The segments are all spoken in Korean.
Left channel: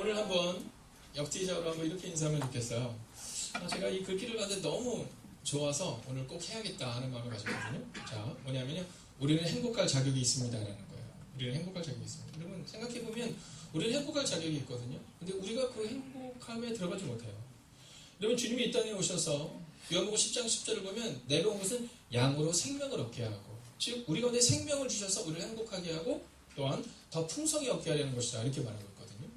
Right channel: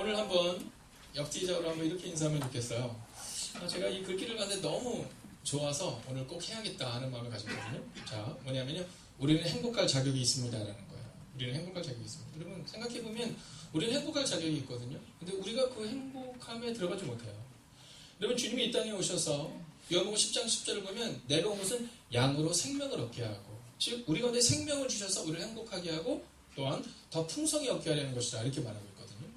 오늘 한번 역지적으로 한번 이렇게 인사하면 좋겠어요. 제가 이 글귀를 봤는데 너무 좋아서 오늘 꼭 해야겠다 하는 마음을 가졌거든요. 자, 뭐냐면요. 우리는 행복할 자격이 있습니다라는 거예요. 우리는 행복할 자격이 있습니다. 여러분 생각해보면 우리는 행복할 자격이 있거든요. 근데 우리가 그 행복함에 들어가지 못해요. 여러분 주님이 이 땅에 오셔서 요한복음 10장 10절을 보면 내가 온 것은 양으로 생명을 얻게 하고, 즉 우리 가운데 생명을 주셔서 우리를 행복하게 하고 또한 더 풍성히 얻게 하려는 것이다 이렇게 말하고 있거든요.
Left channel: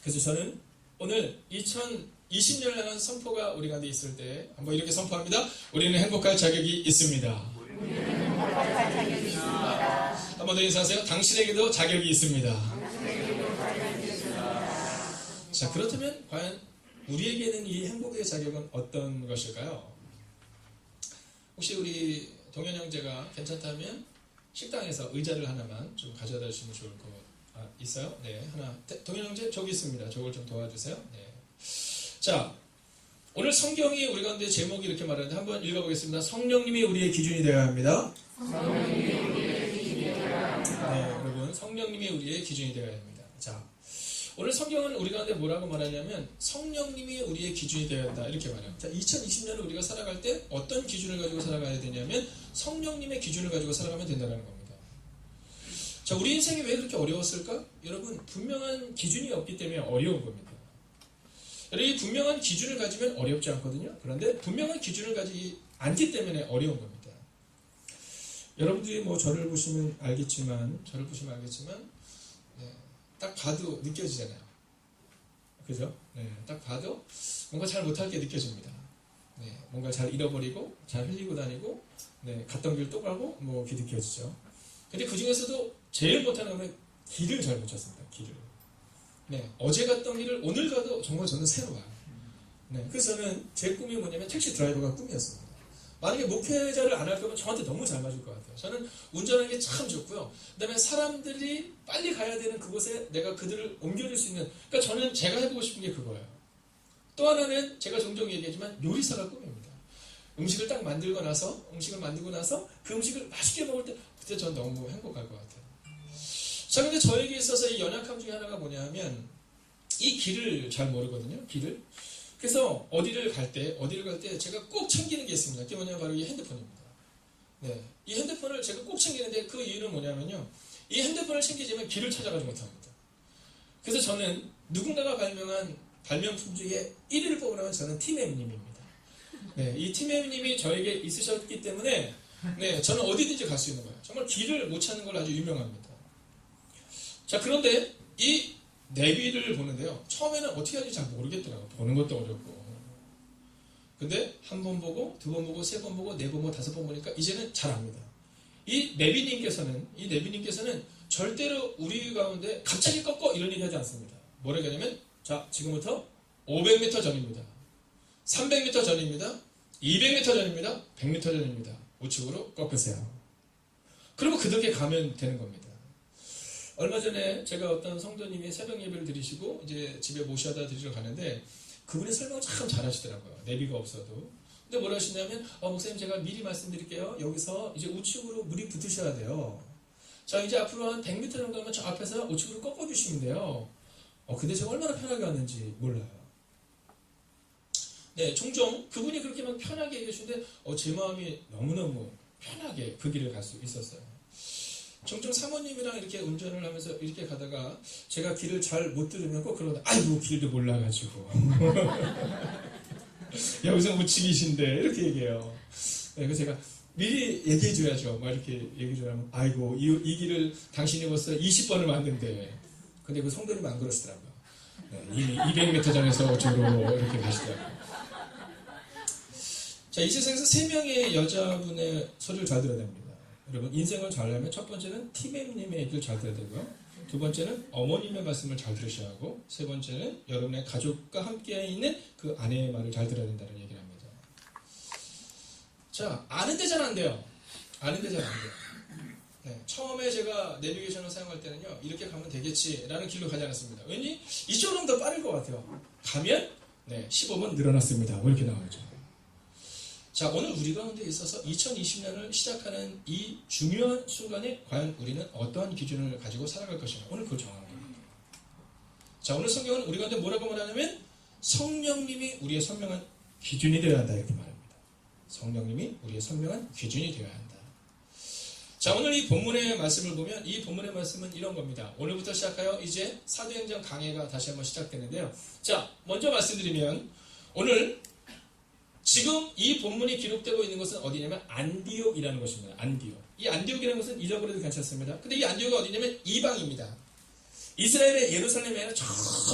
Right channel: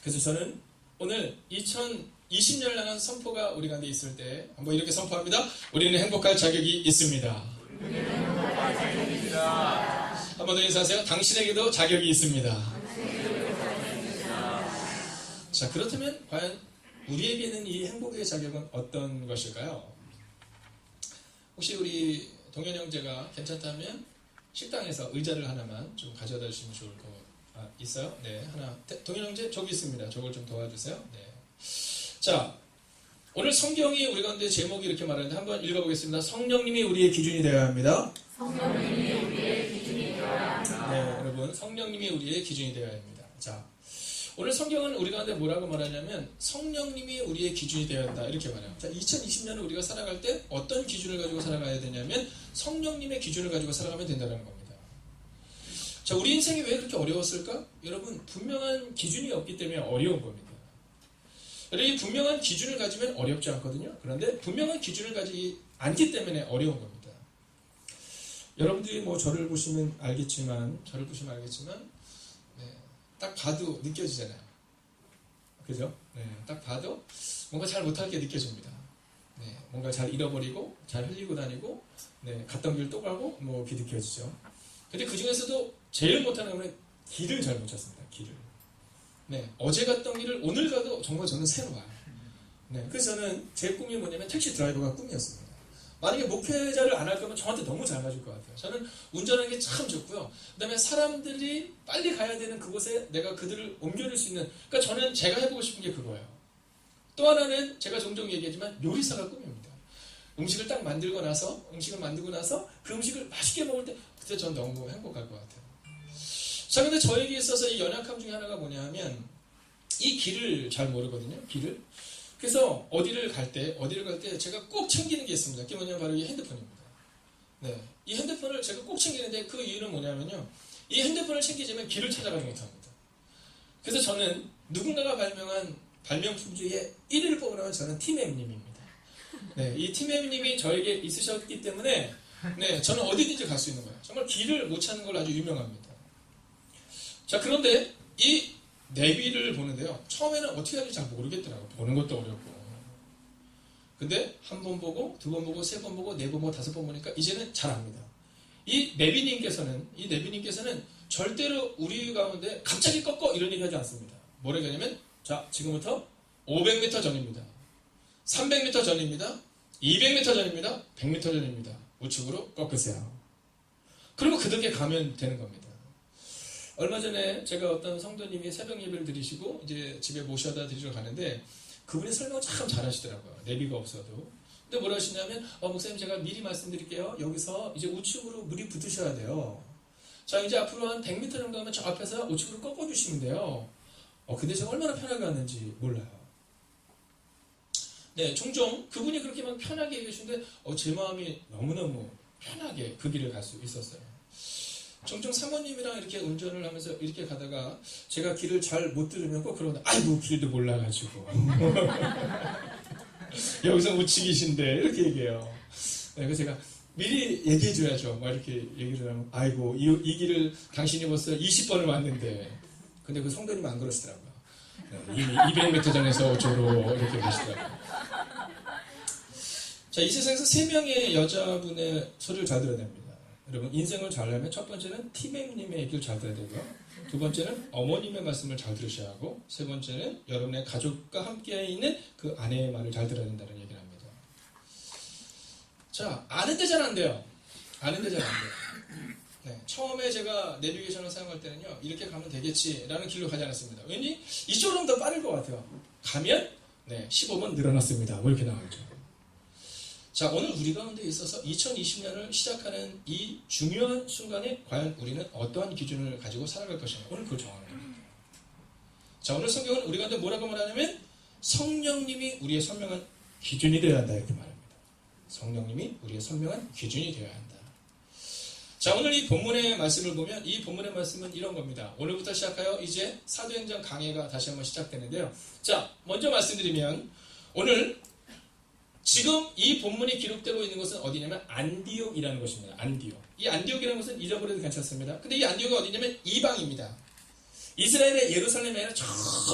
그래서 저는 오늘 2020년을 향한 선포가 우리 가운데 있을 때 한번 이렇게 선포합니다. 우리는 행복할 자격이 있습니다. 한 번 더 인사하세요. 당신에게도 자격이 있습니다. 자, 그렇다면 과연 우리에게는 이 행복의 자격은 어떤 것일까요? 혹시 우리 동현 형제가 괜찮다면 식당에서 의자를 하나만 좀 가져다 주시면 좋을 것 있어요? 네, 하나. 동현 형제 저기 있습니다. 저걸 좀 도와주세요. 네. 자, 오늘 성경이 우리 가운데 제목이 이렇게 말하는데 한번 읽어보겠습니다. 성령님이 우리의 기준이 되어야 합니다. 성령님이 우리의 기준이 되어야 합니다. 네, 여러분 성령님이 우리의 기준이 되어야 합니다. 자, 오늘 성경은 우리 가운데 뭐라고 말하냐면 성령님이 우리의 기준이 되어야 한다 이렇게 말해요. 자, 2020년을 우리가 살아갈 때 어떤 기준을 가지고 살아가야 되냐면 성령님의 기준을 가지고 살아가면 된다는 겁니다. 자, 우리 인생이 왜 그렇게 어려웠을까? 여러분 분명한 기준이 없기 때문에 어려운 겁니다. 여러분 이 분명한 기준을 가지면 어렵지 않거든요. 그런데 분명한 기준을 가지지 않기 때문에 어려운 겁니다. 여러분들이 뭐 저를 보시면 알겠지만 네, 딱 봐도 느껴지잖아요. 그죠? 네, 딱 봐도 뭔가 잘 못할 게 느껴집니다. 네, 뭔가 잘 잃어버리고, 잘 흘리고 다니고, 네, 갔던 길 또 가고, 뭐, 이렇게 느껴지죠. 근데 그 중에서도 제일 못하는 건 길을 잘 못 찾습니다. 길을. 네, 어제 갔던 길을 오늘 가도 정말 저는 새로워요. 네, 그래서 저는 제 꿈이 뭐냐면 택시 드라이버가 꿈이었습니다. 만약에 목회자를 안 할 거면 저한테 너무 잘 맞을 것 같아요. 저는 운전하는 게 참 좋고요. 그 다음에 사람들이 빨리 가야 되는 그곳에 내가 그들을 옮겨줄 수 있는, 그러니까 저는 제가 해보고 싶은 게 그거예요. 또 하나는 제가 종종 얘기하지만 요리사가 꿈입니다. 음식을 딱 만들고 나서 그 음식을 맛있게 먹을 때 그때 전 너무 행복할 것 같아요. 자, 근데 저에게 있어서 이 연약함 중에 하나가 뭐냐 하면 이 길을 잘 모르거든요. 길을. 그래서 어디를 갈 때 제가 꼭 챙기는 게 있습니다. 그게 뭐냐면 바로 이 핸드폰입니다. 네, 이 핸드폰을 제가 꼭 챙기는데 그 이유는 뭐냐면요. 이 핸드폰을 챙기자면 길을 찾아가지 못합니다. 그래서 저는 누군가가 발명한 발명품 중에 1위를 뽑으라면 저는 팀엠님입니다. 네, 이 팀엠님이 저에게 있으셨기 때문에 네, 저는 어디든지 갈 수 있는 거예요. 정말 길을 못 찾는 걸로 아주 유명합니다. 자, 그런데 이 내비를 보는데요. 처음에는 어떻게 하는지 잘 모르겠더라고요. 보는 것도 어렵고. 근데 한 번 보고, 두 번 보고, 세 번 보고, 네 번 보고, 다섯 번 보니까 이제는 잘 압니다. 이 내비님께서는 절대로 우리 가운데 갑자기 꺾어 이런 얘기 하지 않습니다. 뭐라고 하냐면, 자, 지금부터 500m 전입니다. 300m 전입니다. 200m 전입니다. 100m 전입니다. 우측으로 꺾으세요. 그리고 그 덕에 가면 되는 겁니다. 얼마 전에 제가 어떤 성도님이 새벽 예배를 드리시고 이제 집에 모셔다 드리러 가는데 그분이 설명을 참 잘하시더라고요. 내비가 없어도. 근데 뭐라 하시냐면 목사님 제가 미리 말씀드릴게요. 여기서 이제 우측으로 물이 붙으셔야 돼요. 자, 이제 앞으로 한 100m 정도 하면 저 앞에서 우측으로 꺾어주시면 돼요. 근데 제가 얼마나 편하게 왔는지 몰라요. 네, 종종 그분이 그렇게 막 편하게 얘기하시는데 제 마음이 너무너무 편하게 그 길을 갈 수 있었어요. 종종 사모님이랑 이렇게 운전을 하면서 이렇게 가다가 제가 길을 잘 못 들으면 꼭 그러다 아이고 길도 몰라가지고 여기서 우측이신데 이렇게 얘기해요. 네, 그래서 제가 미리 얘기해줘야죠. 막 이렇게 얘기를 하면 아이고 이 길을 당신이 벌써 20번을 왔는데 근데 그 성도님 안 그러시더라고요. 네, 이미 200m 전에서 저로 이렇게 가시더라고요. 자, 이 세상에서 3명의 여자분의 소리를 잘 들어야 됩니다. 여러분 인생을 잘하려면 첫 번째는 팀엠님의 얘기를 잘 들어야 되고요. 두 번째는 어머님의 말씀을 잘 들으셔야 하고 세 번째는 여러분의 가족과 함께 있는 그 아내의 말을 잘 들어야 된다는 얘기를 합니다. 자, 아는데 잘 안 돼요. 네, 처음에 제가 내비게이션을 사용할 때는요. 이렇게 가면 되겠지라는 길로 가지 않았습니다. 왠지 이쪽으로 더 빠를 것 같아요. 가면 15번 늘어났습니다. 뭐 이렇게 나오죠. 자, 오늘 우리 가운데 있어서 2020년을 시작하는 이 중요한 순간에 과연 우리는 어떠한 기준을 가지고 살아갈 것인가 오늘 그걸 정하는 겁니다. 자, 오늘 성경은 우리 가운데 뭐라고 말하냐면 성령님이 우리의 선명한 기준이 되어야 한다 이렇게 말합니다. 성령님이 우리의 선명한 기준이 되어야 한다. 자, 오늘 이 본문의 말씀을 보면 이 본문의 말씀은 이런 겁니다. 오늘부터 시작하여 이제 사도행전 강해가 다시 한번 시작되는데요. 자, 먼저 말씀드리면 오늘 지금 이 본문이 기록되고 있는 것은 어디냐면 안디옥이라는 것입니다. 안디옥. 이 안디옥이라는 것은 잊어버려도 괜찮습니다. 근데 이 안디옥이 어디냐면 이방입니다. 이스라엘의 예루살렘이 아니라 저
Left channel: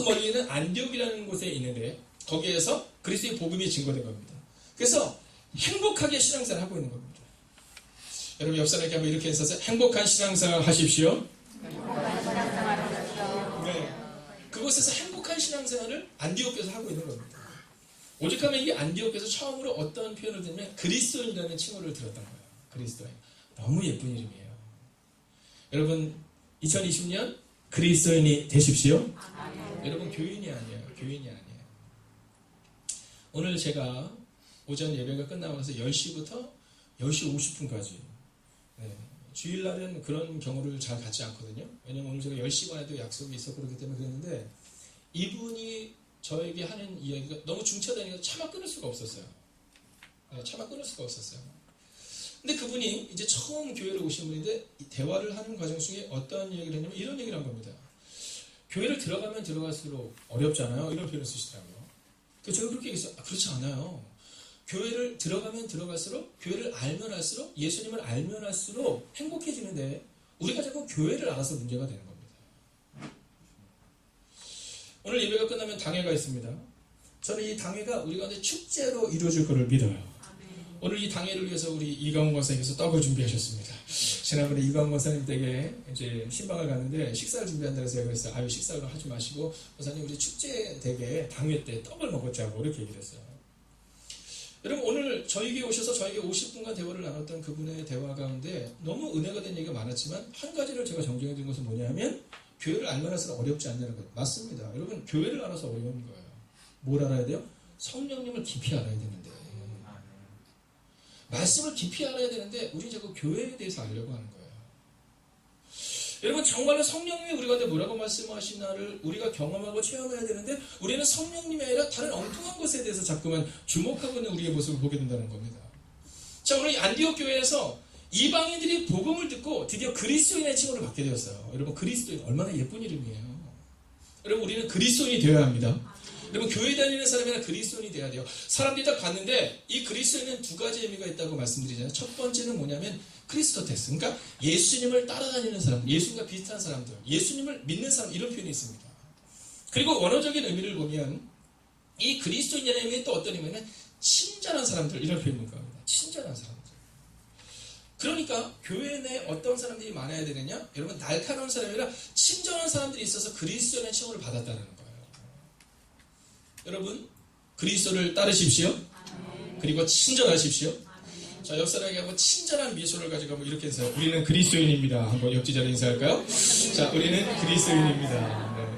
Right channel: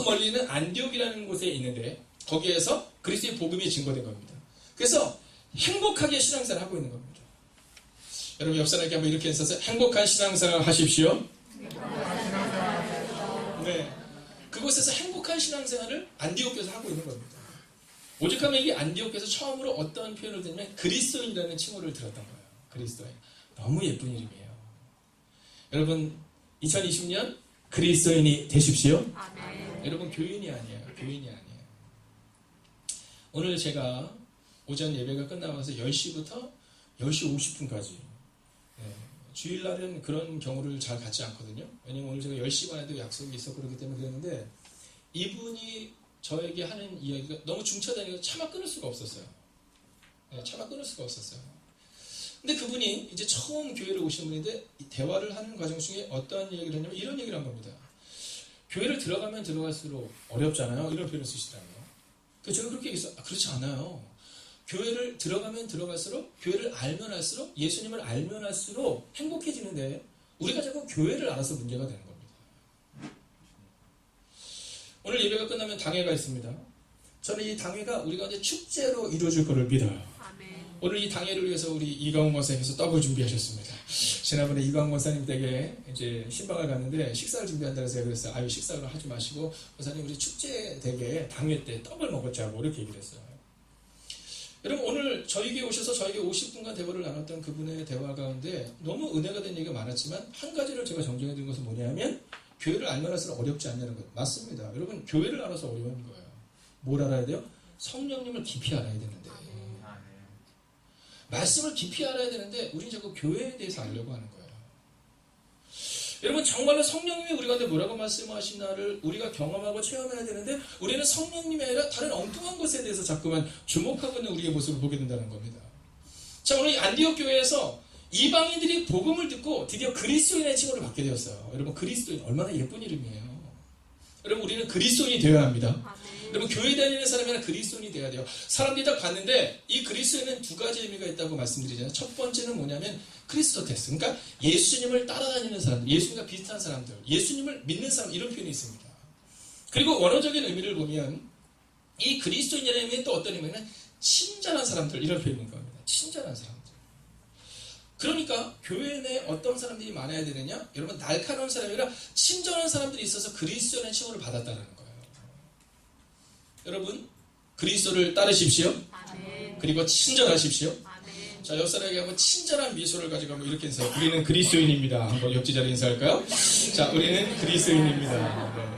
멀리 있는 안디옥이라는 곳에 있는데 거기에서 그리스도의 복음이 증거된 겁니다. 그래서 행복하게 신앙생활을 하고 있는 겁니다. 여러분 옆 사람에게 한번 이렇게 해서 행복한 신앙생활 하십시오. 네, 그곳에서 행복한 신앙생활을 안디옥에서 하고 있는 겁니다. 오죽하면 이 안디옥에서 처음으로 어떤 표현을 듣냐면 그리스도인이라는 칭호를 들었던 거예요. 그리스도인. 너무 예쁜 이름이에요. 여러분 2020년 그리스도인이 되십시오. 여러분 교인이 아니에요. 교인이 아니에요. 오늘 제가 오전 예배가 끝나고 나서 10시부터 10시 50분까지 주일날은 그런 경우를 잘 갖지 않거든요. 왜냐면 오늘 제가 10시 반에도 약속이 있었고 그렇기 때문에 그랬는데 이분이 저에게 하는 이야기가 너무 중차대니까 차마 끊을 수가 없었어요. 차마 끊을 수가 없었어요. 근데 그분이 이제 처음 교회를 오신 분인데 대화를 하는 과정 중에 어떤 이야기를 했냐면 이런 얘기를 한 겁니다. 교회를 들어가면 들어갈수록 어렵잖아요. 이런 표현을 쓰시더라고요. 그래서 제가 그렇게 얘기했어요. 그렇지 않아요. 교회를 들어가면 들어갈수록 교회를 알면 할수록 예수님을 알면 할수록 행복해지는데 우리가 자꾸 교회를 알아서 문제가 되는 겁니다. 오늘 예배가 끝나면 당회가 있습니다. 저는 이 당회가 우리 가운데 축제로 이루어질 것을 믿어요. 오늘 이 당회를 위해서 우리 이광훈 권사님께서 떡을 준비하셨습니다. 지난번에 이광훈 권사님 댁에 이제 신방을 갔는데 식사를 준비한다고 해서 그랬어요. 아유 식사를 하지 마시고 권사님 우리 축제 댁에 당회 때 떡을 먹었자고 이렇게 얘기를 했어요. 여러분 오늘 저에게 오셔서 저에게 50분간 대화를 나눴던 그분의 대화 가운데 너무 은혜가 된 얘기가 많았지만 한 가지를 제가 정정해 드린 것은 뭐냐면 교회를 알면 할수록 어렵지 않냐는 거예요. 맞습니다. 여러분 교회를 알아서 어려운 거예요. 뭘 알아야 돼요? 성령님을 깊이 알아야 되는데 말씀을 깊이 알아야 되는데 우리는 자꾸 교회에 대해서 알려고 하는 거예요. 여러분 정말로 성령님이 우리 가운데 뭐라고 말씀하시나를 우리가 경험하고 체험해야 되는데 우리는 성령님이 아니라 다른 엉뚱한 것에 대해서 자꾸만 주목하고 있는 우리의 모습을 보게 된다는 겁니다. 자 오늘 이 안디옥 교회에서 이방인들이 복음을 듣고 드디어 그리스도인의 칭호를 받게 되었어요. 여러분 그리스도인 얼마나 예쁜 이름이에요. 여러분 우리는 그리스도인이 되어야 합니다. 여러분 교회 다니는 사람이나 그리스도인이 돼야 돼요. 사람들이 다 봤는데 이 그리스도인은 두 가지 의미가 있다고 말씀드리잖아요. 첫 번째는 뭐냐면 크리스토테스, 그러니까 예수님을 따라다니는 사람들, 예수님과 비슷한 사람들, 예수님을 믿는 사람 이런 표현이 있습니다. 그리고 원어적인 의미를 보면 이 그리스도인이라는 의미는 또 어떤 의미냐면 친절한 사람들 이런 표현인 겁니다. 친절한 사람들. 그러니까 교회 내에 어떤 사람들이 많아야 되느냐? 여러분 날카로운 사람이 아니라 친절한 사람들이 있어서 그리스도인의 칭호를 받았다는 거예요. 여러분 그리스도를 따르십시오. 그리고 친절하십시오. 자, 옆 사람에게 한번 친절한 미소를 가지고 한번 이렇게 해서 우리는 그리스도인입니다. 한번 옆 지자로 인사할까요? 자, 우리는 그리스도인입니다. 네.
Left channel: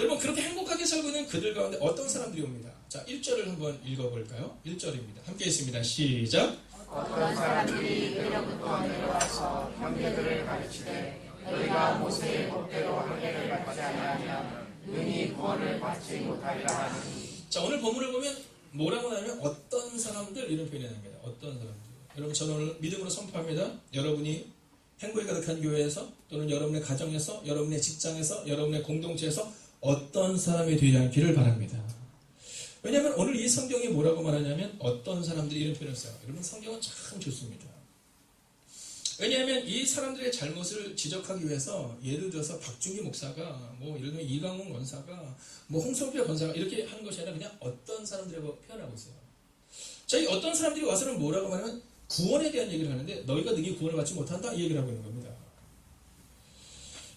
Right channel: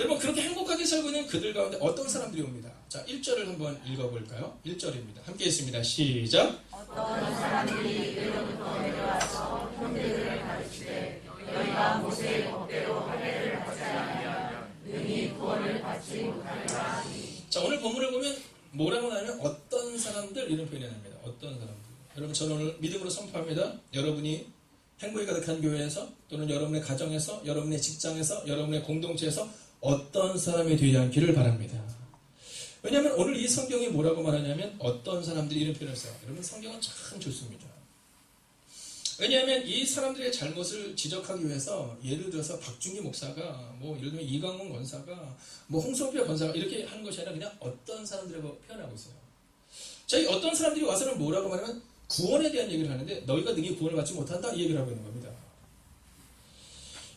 여러분 그렇게 행복하게 살고 있는 그들 가운데 어떤 사람들이 옵니다. 자, 1절을 한번 읽어볼까요? 1절입니다. 함께 했습니다. 시작. 어떤 사람들이 너희로부터 내려와서 형제들을 가르치되 너희가 모세의 법대로 하기를 하지 않으면 능히 구원을 받지 못하리라 하니. 자, 오늘 본문을 보면 뭐라고 하냐면 어떤 사람들 이런 표현이 납니다. 어떤 사람들. 여러분 저는 오늘 믿음으로 선포합니다. 여러분이 행복이 가득한 교회에서 또는 여러분의 가정에서 여러분의 직장에서 여러분의 공동체에서 어떤 사람이 되지 않기를 바랍니다. 왜냐하면 오늘 이 성경이 뭐라고 말하냐면 어떤 사람들이 이런 표현을 써요. 여러분 성경은 참 좋습니다. 왜냐하면 이 사람들의 잘못을 지적하기 위해서 예를 들어서 박준기 목사가 뭐 예를 들면 이광훈 권사가 뭐 홍성표 권사가 이렇게 하는 것이 아니라 그냥 어떤 사람들이라고 표현하고 있어요. 자, 이 어떤 사람들이 와서는 뭐라고 말하면 구원에 대한 얘기를 하는데 너희가 능히 구원을 받지 못한다 이 얘기를 하고 있는 겁니다.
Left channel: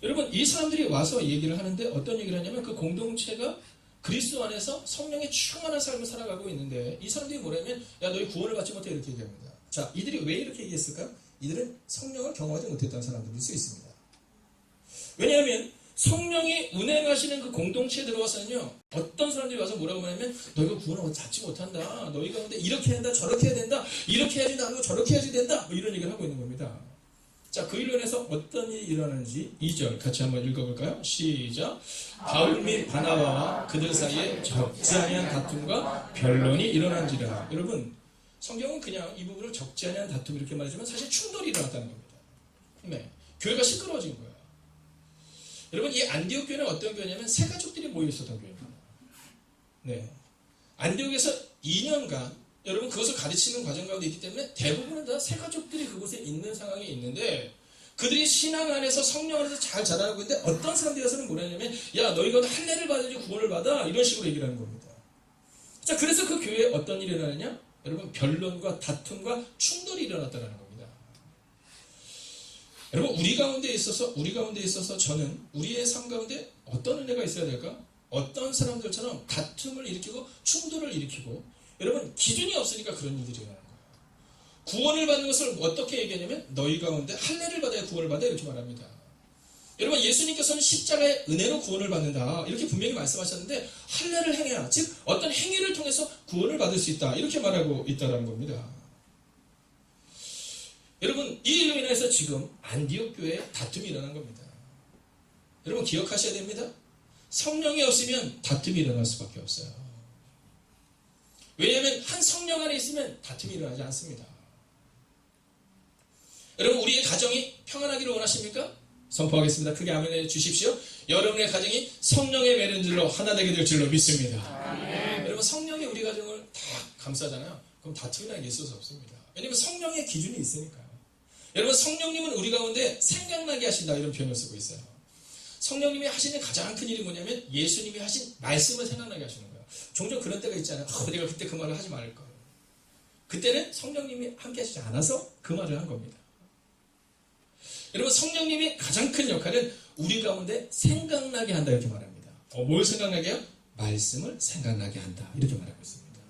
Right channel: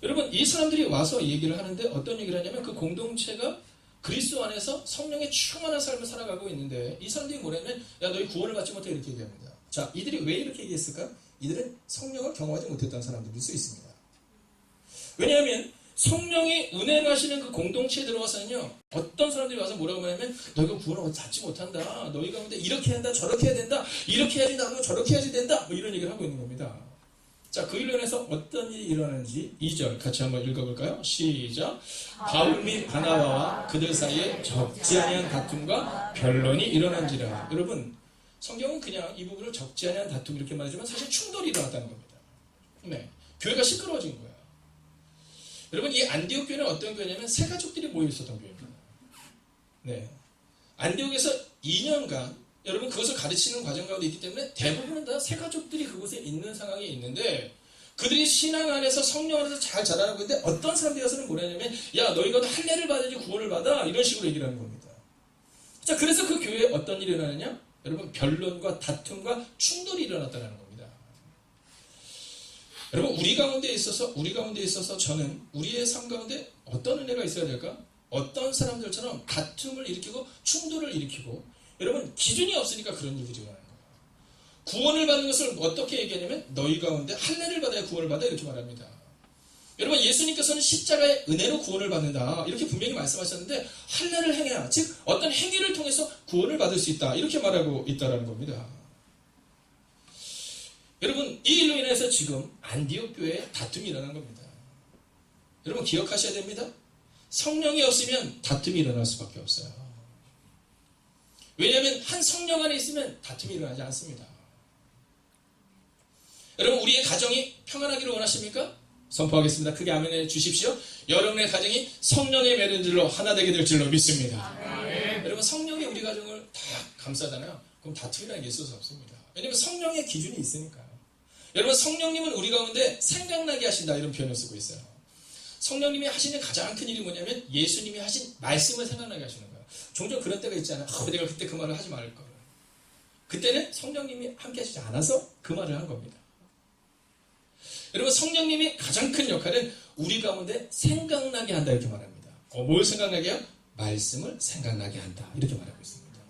여러분 이 사람들이 와서 얘기를 하는데 어떤 얘기를 하냐면 그 공동체가 그리스도 안에서 성령의 충만한 삶을 살아가고 있는데 이 사람들이 뭐냐면 야 너희 구원을 받지 못해 이렇게 얘기합니다. 자, 이들이 왜 이렇게 얘기했을까요? 이들은 성령을 경험하지 못했다는 사람들일 수 있습니다. 왜냐하면 성령이 운행을 하시는 그 공동체에 들어와서는요 어떤 사람들이 와서 뭐라고 하냐면 너희가 구원을 받지 못한다, 너희가 근데 이렇게 한다 저렇게 해야 된다, 이렇게 해야지 나고 저렇게 해야지 된다 뭐 이런 얘기를 하고 있는 겁니다. 자, 그 일로 인해서 어떤 일이 일어나는지 2절 같이 한번 읽어볼까요? 시작. 바울 및 바나바와 그들 사이에 적지 아니한 다툼과 변론이 일어난지라. 여러분, 성경은 그냥 이 부분을 적지 아니한 다툼 이렇게 말하지만 사실 충돌이 일어났다는 겁니다. 네, 교회가 시끄러워진 거예요. 여러분, 이 안디옥 교회는 어떤 교회냐면 세 가족들이 모여 있었던 교회입니다. 네, 안디옥에서 2년간 여러분 그것을 가르치는 과정 가운데 있기 때문에 대부분은 다 세 가족들이 그곳에 있는 상황에 있는데 그들이 신앙 안에서 성령 안에서 잘 자라나고 있는데 어떤 사람들이 가서는 뭐냐면 야 너희가 할례를 받아야지 구원을 받아 이런 식으로 얘기를 하는 겁니다. 자, 그래서 그 교회에 어떤 일이 일어나느냐? 여러분 변론과 다툼과 충돌이 일어났다는 겁니다. 여러분 우리 가운데 있어서 저는 우리의 삶 가운데 어떤 은혜가 있어야 될까? 어떤 사람들처럼 다툼을 일으키고 충돌을 일으키고 여러분 기준이 없으니까 그런 일들이 일어나는 거예요. 구원을 받는 것을 어떻게 얘기하냐면 너희 가운데 할례를 받아야 구원을 받아 이렇게 말합니다. 여러분 예수님께서는 십자가의 은혜로 구원을 받는다 이렇게 분명히 말씀하셨는데 할례를 행해야 즉 어떤 행위를 통해서 구원을 받을 수 있다 이렇게 말하고 있다는 겁니다. 여러분 이 일로 인해서 지금 안디옥 교회에 다툼이 일어난 겁니다. 여러분 기억하셔야 됩니다. 성령이 없으면 다툼이 일어날 수밖에 없어요. 왜냐하면 한 성령 안에 있으면 다툼이 일어나지 않습니다. 여러분 우리의 가정이 평안하기를 원하십니까? 선포하겠습니다. 크게 아멘해 주십시오. 여러분의 가정이 성령의 매는질로 하나 되게 될 줄로 믿습니다. 네. 여러분 성령이 우리 가정을 다 감싸잖아요. 그럼 다툼이라는 게 있을 수 없습니다. 왜냐하면 성령의 기준이 있으니까요. 여러분 성령님은 우리 가운데 생각나게 하신다 이런 표현을 쓰고 있어요. 성령님이 하시는 가장 큰 일이 뭐냐면 예수님이 하신 말씀을 생각나게 하시는 거예요. 종종 그런 때가 있잖아요. 내가 그때 그 말을 하지 말걸. 그때는 성령님이 함께 하시지 않아서 그 말을 한 겁니다. 여러분 성령님이 가장 큰 역할은 우리 가운데 생각나게 한다 이렇게 말합니다. 뭘 생각나게 해요? 말씀을 생각나게 한다 이렇게 말하고 있습니다.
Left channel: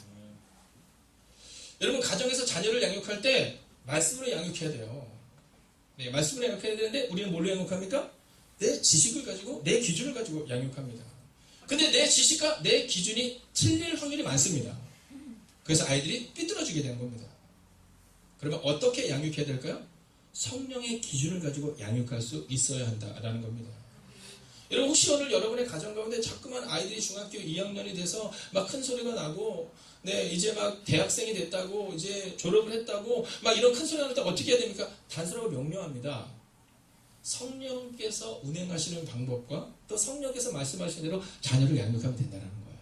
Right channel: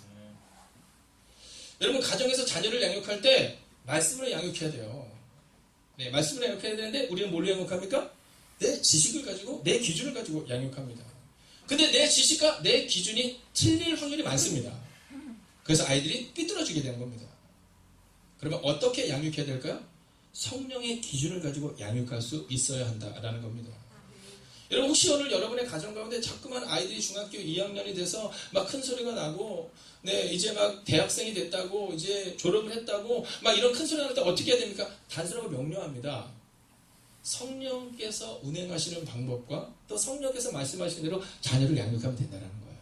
여러분 가정에서 자녀를 양육할 때 말씀으로 양육해야 돼요. 네, 말씀으로 양육해야 되는데 우리는 뭘로 양육합니까? 내 지식을 가지고 내 기준을 가지고 양육합니다. 근데 내 지식과 내 기준이 틀릴 확률이 많습니다. 그래서 아이들이 삐뚤어지게 되는 겁니다. 그러면 어떻게 양육해야 될까요? 성령의 기준을 가지고 양육할 수 있어야 한다라는 겁니다. 여러분 혹시 오늘 여러분의 가정 가운데 자꾸만 아이들이 중학교 2학년이 돼서 막 큰 소리가 나고 네 이제 막 대학생이 됐다고 이제 졸업을 했다고 막 이런 큰 소리가 날 때 어떻게 해야 됩니까? 단순하고 명료합니다. 성령께서 운행하시는 방법과 또 성령께서 말씀하시는 대로 자녀를 양육하면 된다는 거예요.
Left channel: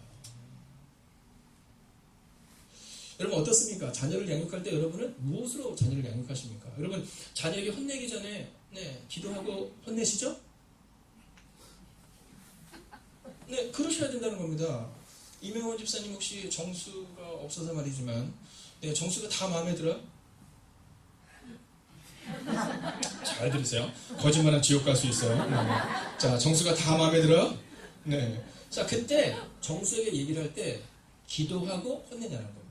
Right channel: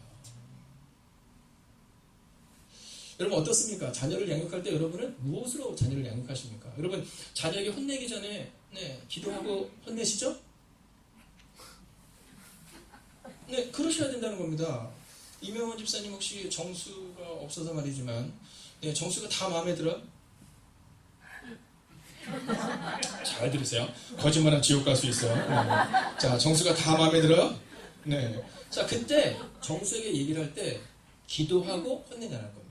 여러분 어떻습니까? 자녀를 양육할 때 여러분은 무엇으로 자녀를 양육하십니까? 여러분 자녀에게 혼내기 전에 네, 기도하고 혼내시죠? 네, 그러셔야 된다는 겁니다. 이명원 집사님 혹시 정수가 없어서 말이지만 네, 정수가 다 마음에 들어? 잘 들으세요. 거짓말은 지옥 갈 수 있어요. 네. 자, 정수가 다 마음에 들어? 네. 자, 그때 정수에게 얘기를 할 때 기도하고 혼내자는 겁니다.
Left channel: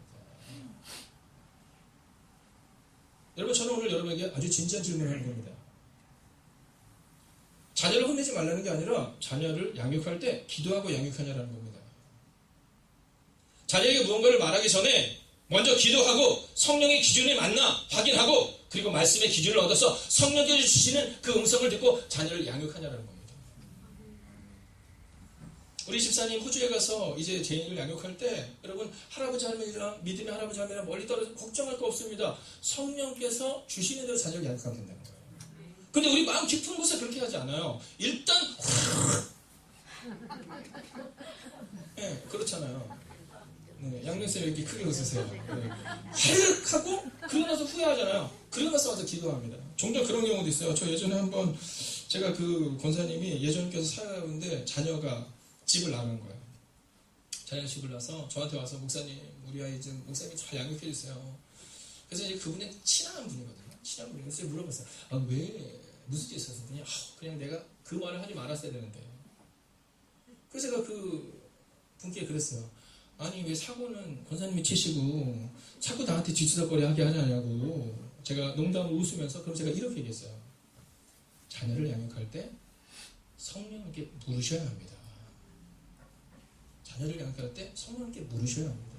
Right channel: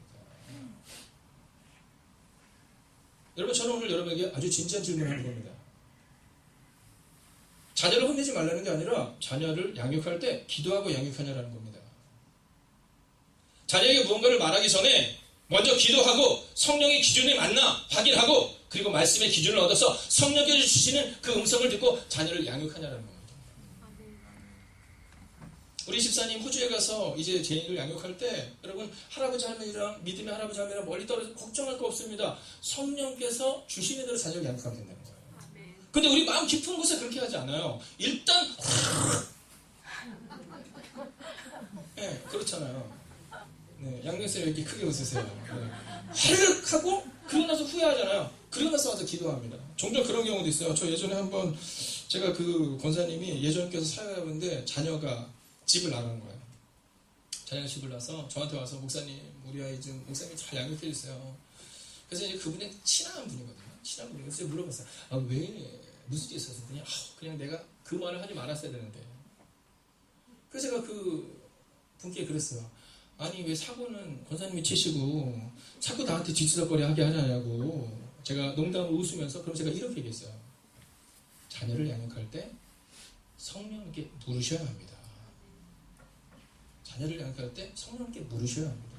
여러분, 저는 오늘 여러분에게 아주 진지한 질문을 하는 겁니다. 자녀를 혼내지 말라는 게 아니라 자녀를 양육할 때 기도하고 양육하냐라는 겁니다. 자녀에게 무언가를 말하기 전에 먼저 기도하고 성령의 기준에 맞나 확인하고 그리고 말씀의 기준을 얻어서 성령께서 주시는 그 음성을 듣고 자녀를 양육하냐라는 겁니다. 우리 집사님 호주에 가서 이제 제인을 양육할 때 여러분 할아버지 할머니랑 믿음의 할아버지 할머니랑 멀리 떨어져 걱정할 거 없습니다. 성령께서 주시는 대로 자녀를 양육하면 된다는 거예요. 근데 우리 마음 깊은 곳에 그렇게 하지 않아요. 일단 네, 그렇잖아요. 네, 양녕쌤 왜 이렇게 크게 웃으세요? 네. 헬륵 하고 그러고 나서 후회하잖아요. 그러고 나서 와서 기도합니다. 종종 그런 경우도 있어요. 저 예전에 한번 제가 그 권사님이 예전 교회에서 사역하는데 자녀가 집을 나간 거예요. 자녀가 집을 나서 저한테 와서 목사님 우리 아이 좀 목사님이 잘 양육해 주세요. 그래서 이제 그분이 친한 분이거든요. 친한 분이면서 물어봤어요. 아, 왜 무슨 짓 있었더니 그냥 내가 그 말을 하지 말았어야 되는데. 그래서 제가 그 분께 그랬어요. 아니 왜 사고는 권사님이 치시고 자꾸 나한테 뒷수다거리 하게 하냐고. 제가 농담으로 웃으면서 그럼 제가 이렇게 얘기했어요. 자녀를 양육할 때 성령님께 물으셔야 합니다. 자녀를 양육할 때 성령님께 물으셔야 합니다.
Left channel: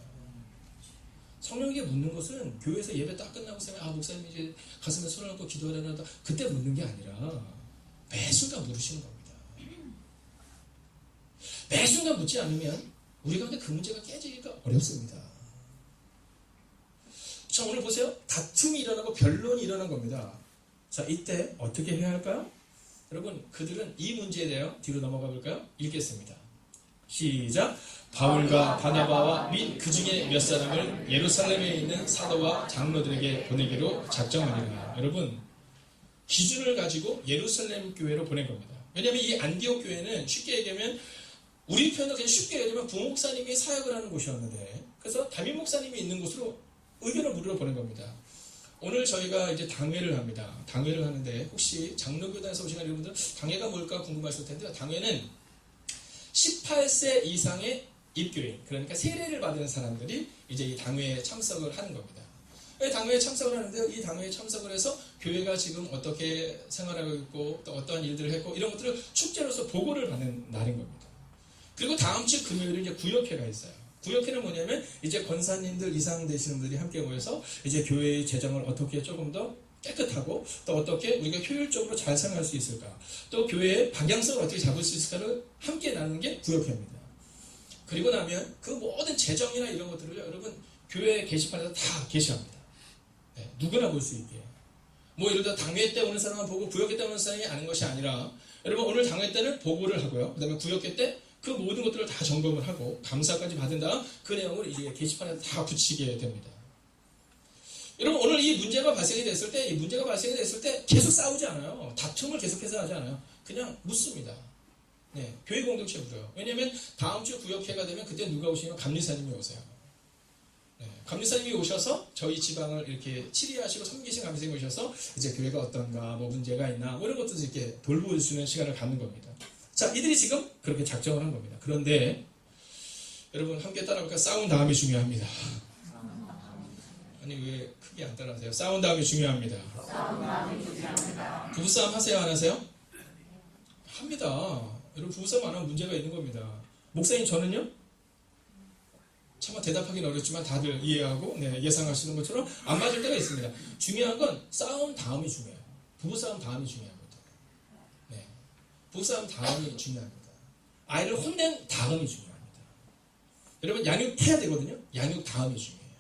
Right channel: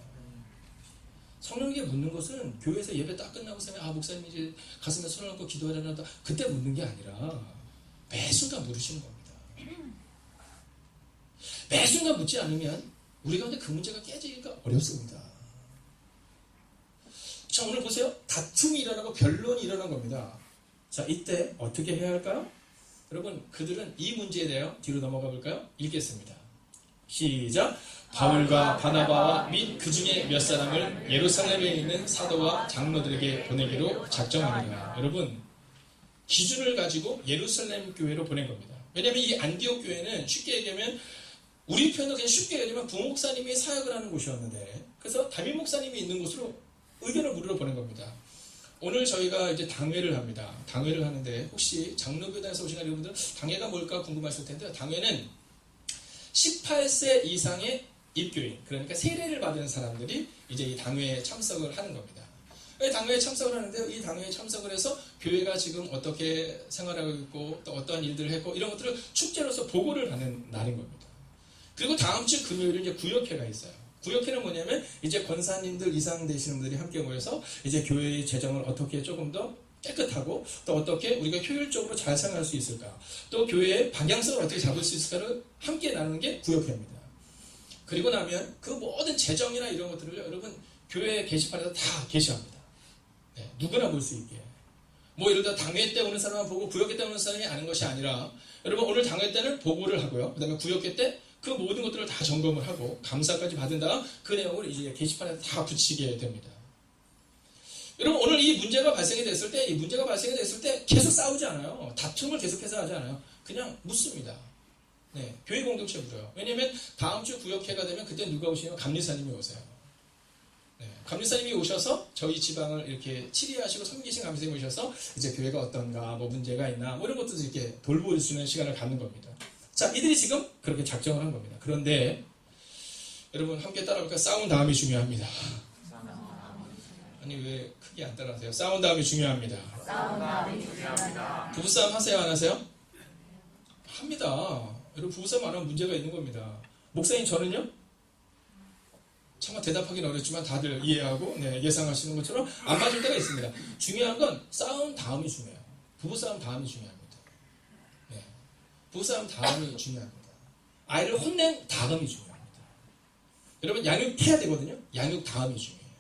성령에게 묻는 것은 교회에서 예배 딱 끝나고 아 목사님이 이제 가슴에 손을 얹고 기도하려나 그때 묻는 게 아니라 매 순간 물으시는 겁니다. 매 순간 묻지 않으면 우리 가운데 그 문제가 깨지기가 어렵습니다. 자, 오늘 보세요. 다툼이 일어나고 변론이 일어난 겁니다. 자, 이때 어떻게 해야 할까요? 여러분, 그들은 이 문제에 대해 뒤로 넘어가 볼까요? 읽겠습니다. 시작. 바울과 바나바와 및 그 중에 몇 사람을 예루살렘에 있는 사도와 장로들에게 보내기로 작정하니라. 여러분, 기준을 가지고 예루살렘 교회로 보낸 겁니다. 왜냐하면 이 안디옥 교회는 쉽게 얘기하면 우리 표현도 그냥 쉽게 얘기하면 부목사님이 사역을 하는 곳이었는데, 그래서 담임 목사님이 있는 곳으로 의견을 물으러 보낸 겁니다. 오늘 저희가 이제 당회를 합니다. 당회를 하는데 혹시 장로교단에서 오신 여러분들 당회가 뭘까 궁금하실 텐데, 당회는 18세 이상의 입교인, 그러니까 세례를 받은 사람들이 이제 이 당회에 참석을 하는 겁니다. 당회에 참석을 하는데 이 당회에 참석을 해서 교회가 지금 어떻게 생활하고 있고 또 어떠한 일들을 했고 이런 것들을 축제로서 보고를 받는 날인 겁니다. 그리고 다음 주 금요일에 이제 구역회가 있어요. 구역회는 뭐냐면 이제 권사님들 이상 되시는 분들이 함께 모여서 이제 교회의 재정을 어떻게 조금 더 깨끗하고 또 어떻게 우리가 효율적으로 잘 생활할 수 있을까, 또 교회의 방향성을 어떻게 잡을 수 있을까를 함께 나누는 게 구역회입니다. 그리고 나면 그 모든 재정이나 이런 것들을 여러분 교회 게시판에서 다 게시합니다. 네, 누구나 볼 수 있게. 뭐 예를 들어 당회 때 오는 사람만 보고 구역회 때 오는 사람이 아는 것이 아니라, 여러분 오늘 당회 때는 보고를 하고요. 그 다음에 구역회 때 그 모든 것들을 다 점검을 하고 감사까지 받은 다음 그 내용을 이제 게시판에 다 붙이게 됩니다. 여러분 오늘 이 문제가 발생이 됐을 때 계속 싸우지 않아요. 다툼을 계속해서 하지 않아요. 그냥 묻습니다. 네, 교회 공동체 물어요. 왜냐하면 다음 주 구역회가 되면 그때 누가 오시냐면 감리사님이 오세요. 네, 감리사님이 오셔서 저희 지방을 이렇게 치리하시고 섬기신 감리사님이 오셔서 이제 교회가 어떤가, 뭐 문제가 있나, 뭐 이런 것도 이렇게 돌볼 수 있는 시간을 갖는 겁니다. 자, 이들이 지금 그렇게 작정을 한 겁니다. 그런데 여러분 함께 따라볼까요? 싸운 다음이 중요합니다. 아니 왜 크게 안 따라하세요? 싸운 다음이 중요합니다. 부부싸움 하세요? 안 하세요? 합니다. 여러분 부부싸움 안 하면 문제가 있는 겁니다. 목사님 저는요? 차마 대답하기는 어렵지만 다들 이해하고 예상하시는 것처럼 안 맞을 때가 있습니다. 중요한 건 싸운 다음이 중요해요. 부부싸움 다음이 중요합니다. 부부싸움 다음이 중요합니다. 아이를 혼낸 다음이 중요합니다. 여러분 양육해야 되거든요. 양육 다음이 중요해요.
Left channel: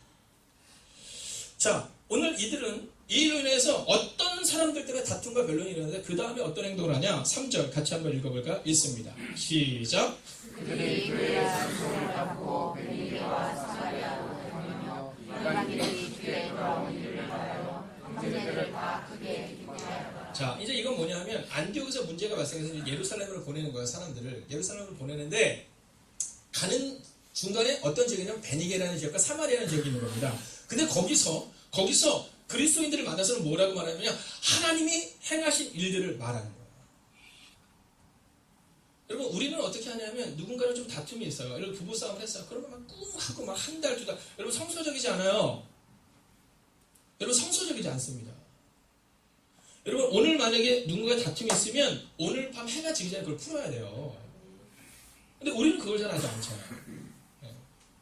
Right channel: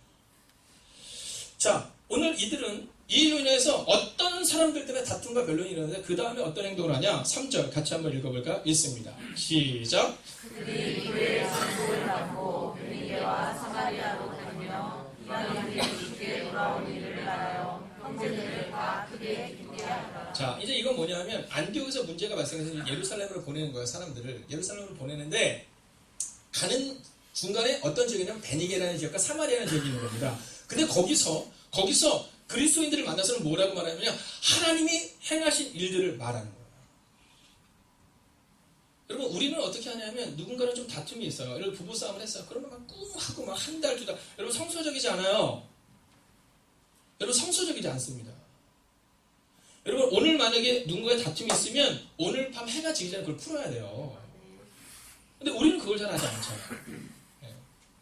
자, 오늘 이들은 이로 인해서 어떤 사람들 때문에 다툼과 변론이 일어나는데 그 다음에 어떤 행동을 하냐? 3절 같이 한번 읽어볼까요? 읽습니다. 시작. 그들이 그의 산소를 받고 베니게와 사마리아로 다니며 이방인 길이 뒤에 돌아온 이들을 말하여 형제들을 다 크게 기쁘게 하였다. 자, 이제 이건 뭐냐면 안디옥에서 문제가 발생해서 예루살렘으로 보내는 거예요. 사람들을 예루살렘으로 보내는데 가는 중간에 어떤 지역이냐면 베니게라는 지역과 사마리아라는 지역이 있는 겁니다. 근데 거기서 그리스도인들을 만나서는 뭐라고 말하냐면 하나님이 행하신 일들을 말하는 거예요. 여러분 우리는 어떻게 하냐면 누군가랑 좀 다툼이 있어요. 여러분 부부싸움을 했어요. 그러면 막 꿍 하고 막 한 달, 두 달. 여러분 성소적이지 않아요. 여러분 성소적이지 않습니다. 여러분 오늘 만약에 누군가의 다툼이 있으면 오늘 밤 해가 지기 전에 그걸 풀어야 돼요. 근데 우리는 그걸 잘 하지 않잖아요. 네,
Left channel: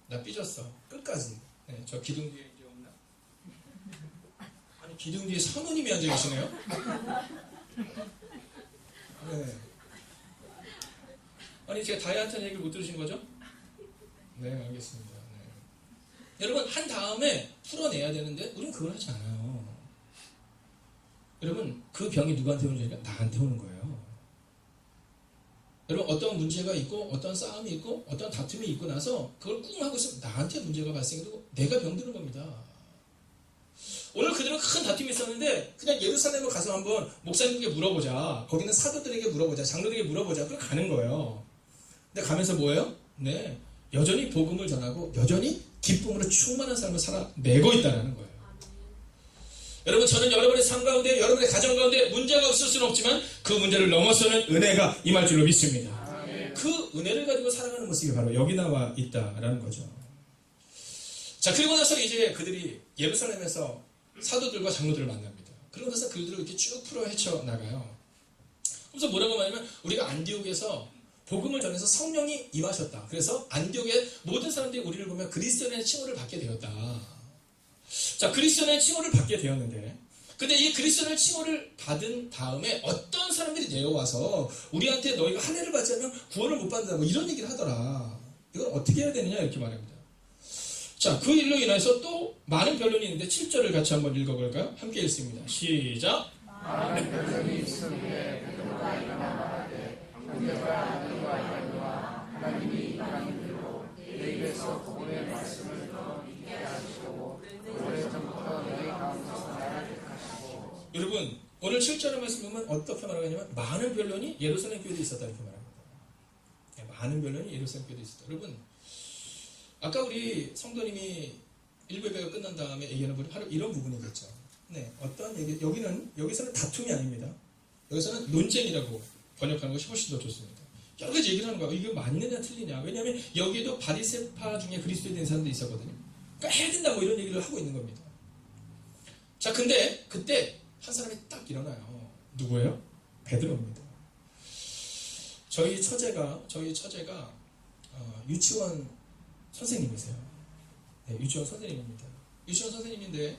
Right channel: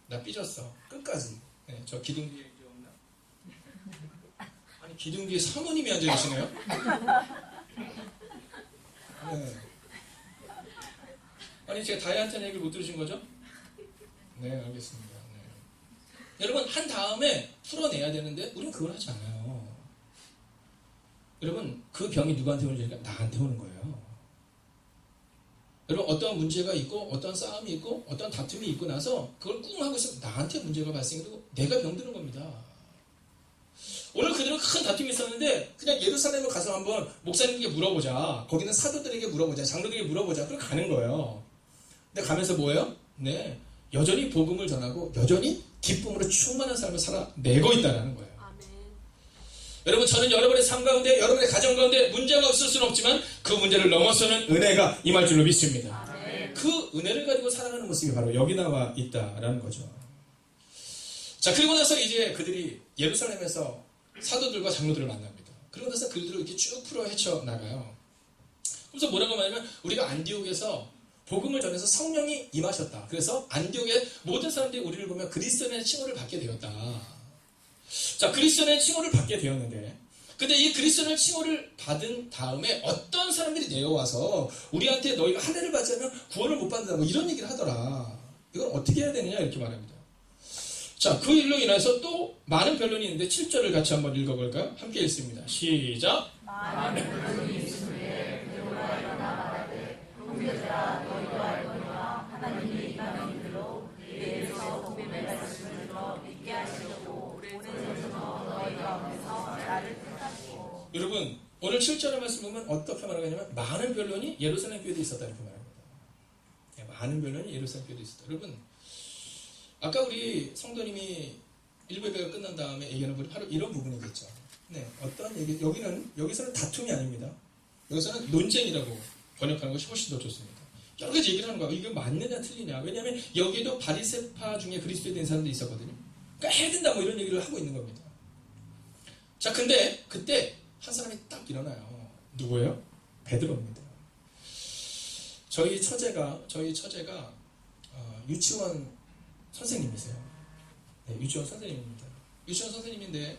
나 삐졌어. 끝까지. 네, 저 기둥 뒤에 이제 없나? 아니 기둥 뒤에 사모님이 앉아 계시네요. 네. 아니 제가 다이한테는 얘기를 못 들으신 거죠? 네, 알겠습니다. 네. 여러분 한 다음에 풀어내야 되는데 우리는 그걸 하지 않아요. 여러분 그 병이 누구한테 오는지니까 나한테 오는 거예요. 여러분 어떤 문제가 있고 어떤 싸움이 있고 어떤 다툼이 있고 나서 그걸 꿍 하고 있으면 나한테 문제가 발생되고 내가 병드는 겁니다. 오늘 그들은 큰 다툼이 있었는데 그냥 예루살렘을 가서 한번 목사님에게 물어보자. 거기는 사도들에게 물어보자. 장로들에게 물어보자. 그럼 가는 거예요. 근데 가면서 뭐예요? 네, 여전히 복음을 전하고 여전히 기쁨으로 충만한 삶을 살아내고 있다는 거예요. 여러분 저는 여러분의 삶 가운데 여러분의 가정 가운데 문제가 없을 수는 없지만 그 문제를 넘어서는 은혜가 임할 줄로 믿습니다. 그 은혜를 가지고 살아가는 모습이 바로 여기 나와 있다라는 거죠. 자, 그리고 나서 이제 그들이 예루살렘에서 사도들과 장로들을 만납니다. 그러고 나서 그들을 이렇게 쭉 풀어 헤쳐나가요. 그래서 뭐라고 말하면 우리가 안디옥에서 복음을 전해서 성령이 임하셨다. 그래서 안디옥의 모든 사람들이 우리를 보면 그리스도인의 칭호를 받게 되었다. 자, 그리스도는 칭호를 받게 되었는데, 근데 이 그리스도는 칭호를 받은 다음에 어떤 사람들이 내려와서 우리한테 너희가 할례를 받지 않으면 구원을 못 받는다, 뭐 이런 얘기를 하더라. 이걸 어떻게 해야 되느냐 이렇게 말합니다. 자, 그 일로 인해서 또 많은 변론이 있는데 7절을 같이 한번 읽어볼까요? 함께 읽습니다. 시작. 많은 변론이 있으되 그들과 일어나 말하되 형제들아 너희가 알거니와 하나님이 이방인들로 내일에서 복음의 말씀을 더 믿게 하시고 오래전부터 너희 가운데서 나를 택하시고. 여러분, 오늘 7절의 말씀 보면 어떻게 말하고 있냐면 많은 변론이 예루살렘 교회에 있었다 이렇게 말합니다. 많은 변론이 예루살렘 교회에 있었다. 여러분, 아까 우리 성도님이 일부 예배가 끝난 다음에 얘기하는 부분이 바로 이런 부분이겠죠. 네, 어떤 얘기, 여기서는 다툼이 아닙니다. 여기서는 논쟁이라고 번역하는 것이 훨씬 더 좋습니다. 여러 가지 얘기를 하는 거야. 이게 맞느냐 틀리냐. 왜냐하면 여기도 바리새파 중에 그리스도에 대한 사람도 있었거든요. 그러니까 해야 된다 뭐 이런 얘기를 하고 있는 겁니다. 자, 근데 그때 한 사람이 딱 일어나요. 누구예요? 베드로입니다. 저희 처제가 유치원 선생님이세요. 네, 유치원 선생님입니다. 유치원 선생님인데,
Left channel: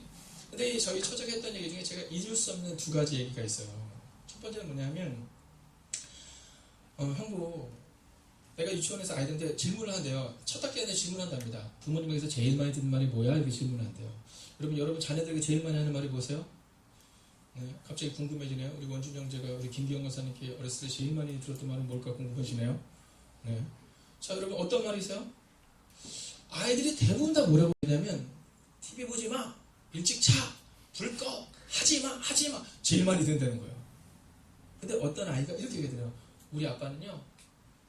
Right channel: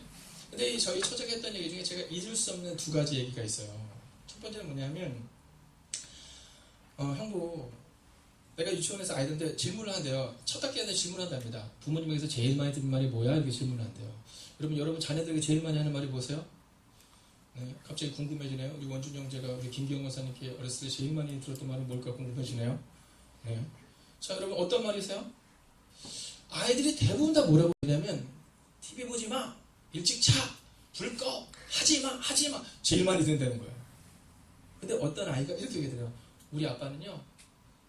근데 저희 처제가 했던 얘기 중에 제가 잊을 수 없는 두 가지 얘기가 있어요. 첫 번째는 뭐냐면, 형부, 내가 유치원에서 아이들한테 질문을 한대요. 첫 학기에 질문한답니다. 부모님에게서 제일 많이 듣는 말이 뭐야? 이렇게 질문한대요. 여러분 자녀들에게 제일 많이 하는 말이 뭐세요? 네, 갑자기 궁금해지네요. 우리 원준 형제가 우리 김기영 강사님께 어렸을 때 제일 많이 들었던 말은 뭘까 궁금해지네요. 네. 자, 여러분 어떤 말이세요? 아이들이 대부분 다 뭐라고 하냐면 TV 보지 마, 일찍 자, 불 꺼, 하지 마. 제일 많이 듣는다는 거예요. 근데 어떤 아이가 이렇게 얘기해요. 우리 아빠는요,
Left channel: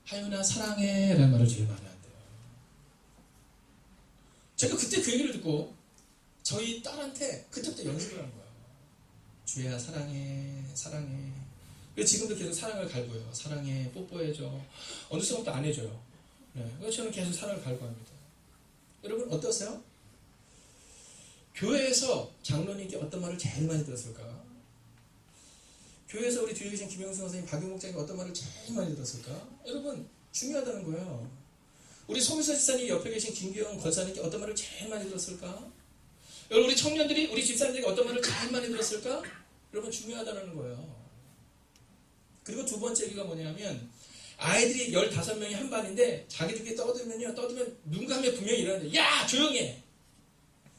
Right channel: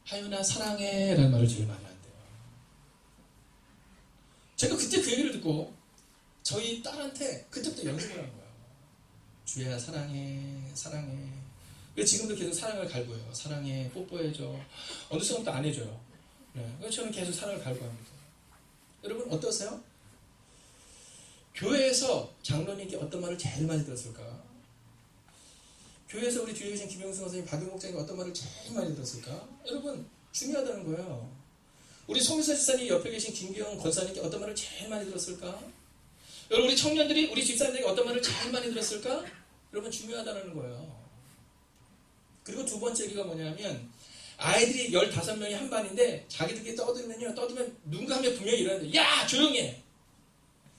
하윤아 사랑해 라는 말을 제일 많이 한대요. 제가 그때 그 얘기를 듣고 저희 딸한테 그때부터 연습을 한 거예요. 주혜야 사랑해. 그래서 지금도 계속 사랑을 갈구해요. 사랑해, 뽀뽀해줘. 어느 순간부터 안 해줘요. 네, 그래서 저는 계속 사랑을 갈구합니다. 여러분 어떠세요? 교회에서 장로님께 어떤 말을 제일 많이 들었을까? 교회에서 우리 뒤에 계신 김영수 선생님, 박용 목사님이 어떤 말을 제일 많이 들었을까? 여러분 중요하다는 거예요. 우리 송미서 집사님 옆에 계신 김기영 권사님께 어떤 말을 제일 많이 들었을까? 여러분 우리 청년들이 우리 집사님들에게 어떤 말을 제일 많이 들었을까? 여러분 중요하다는 거예요. 그리고 두 번째 얘기가 뭐냐면 아이들이 15명이 한 반인데 자기들끼리 떠들면 누군가 하면 분명히 일어나는데 야 조용히 해.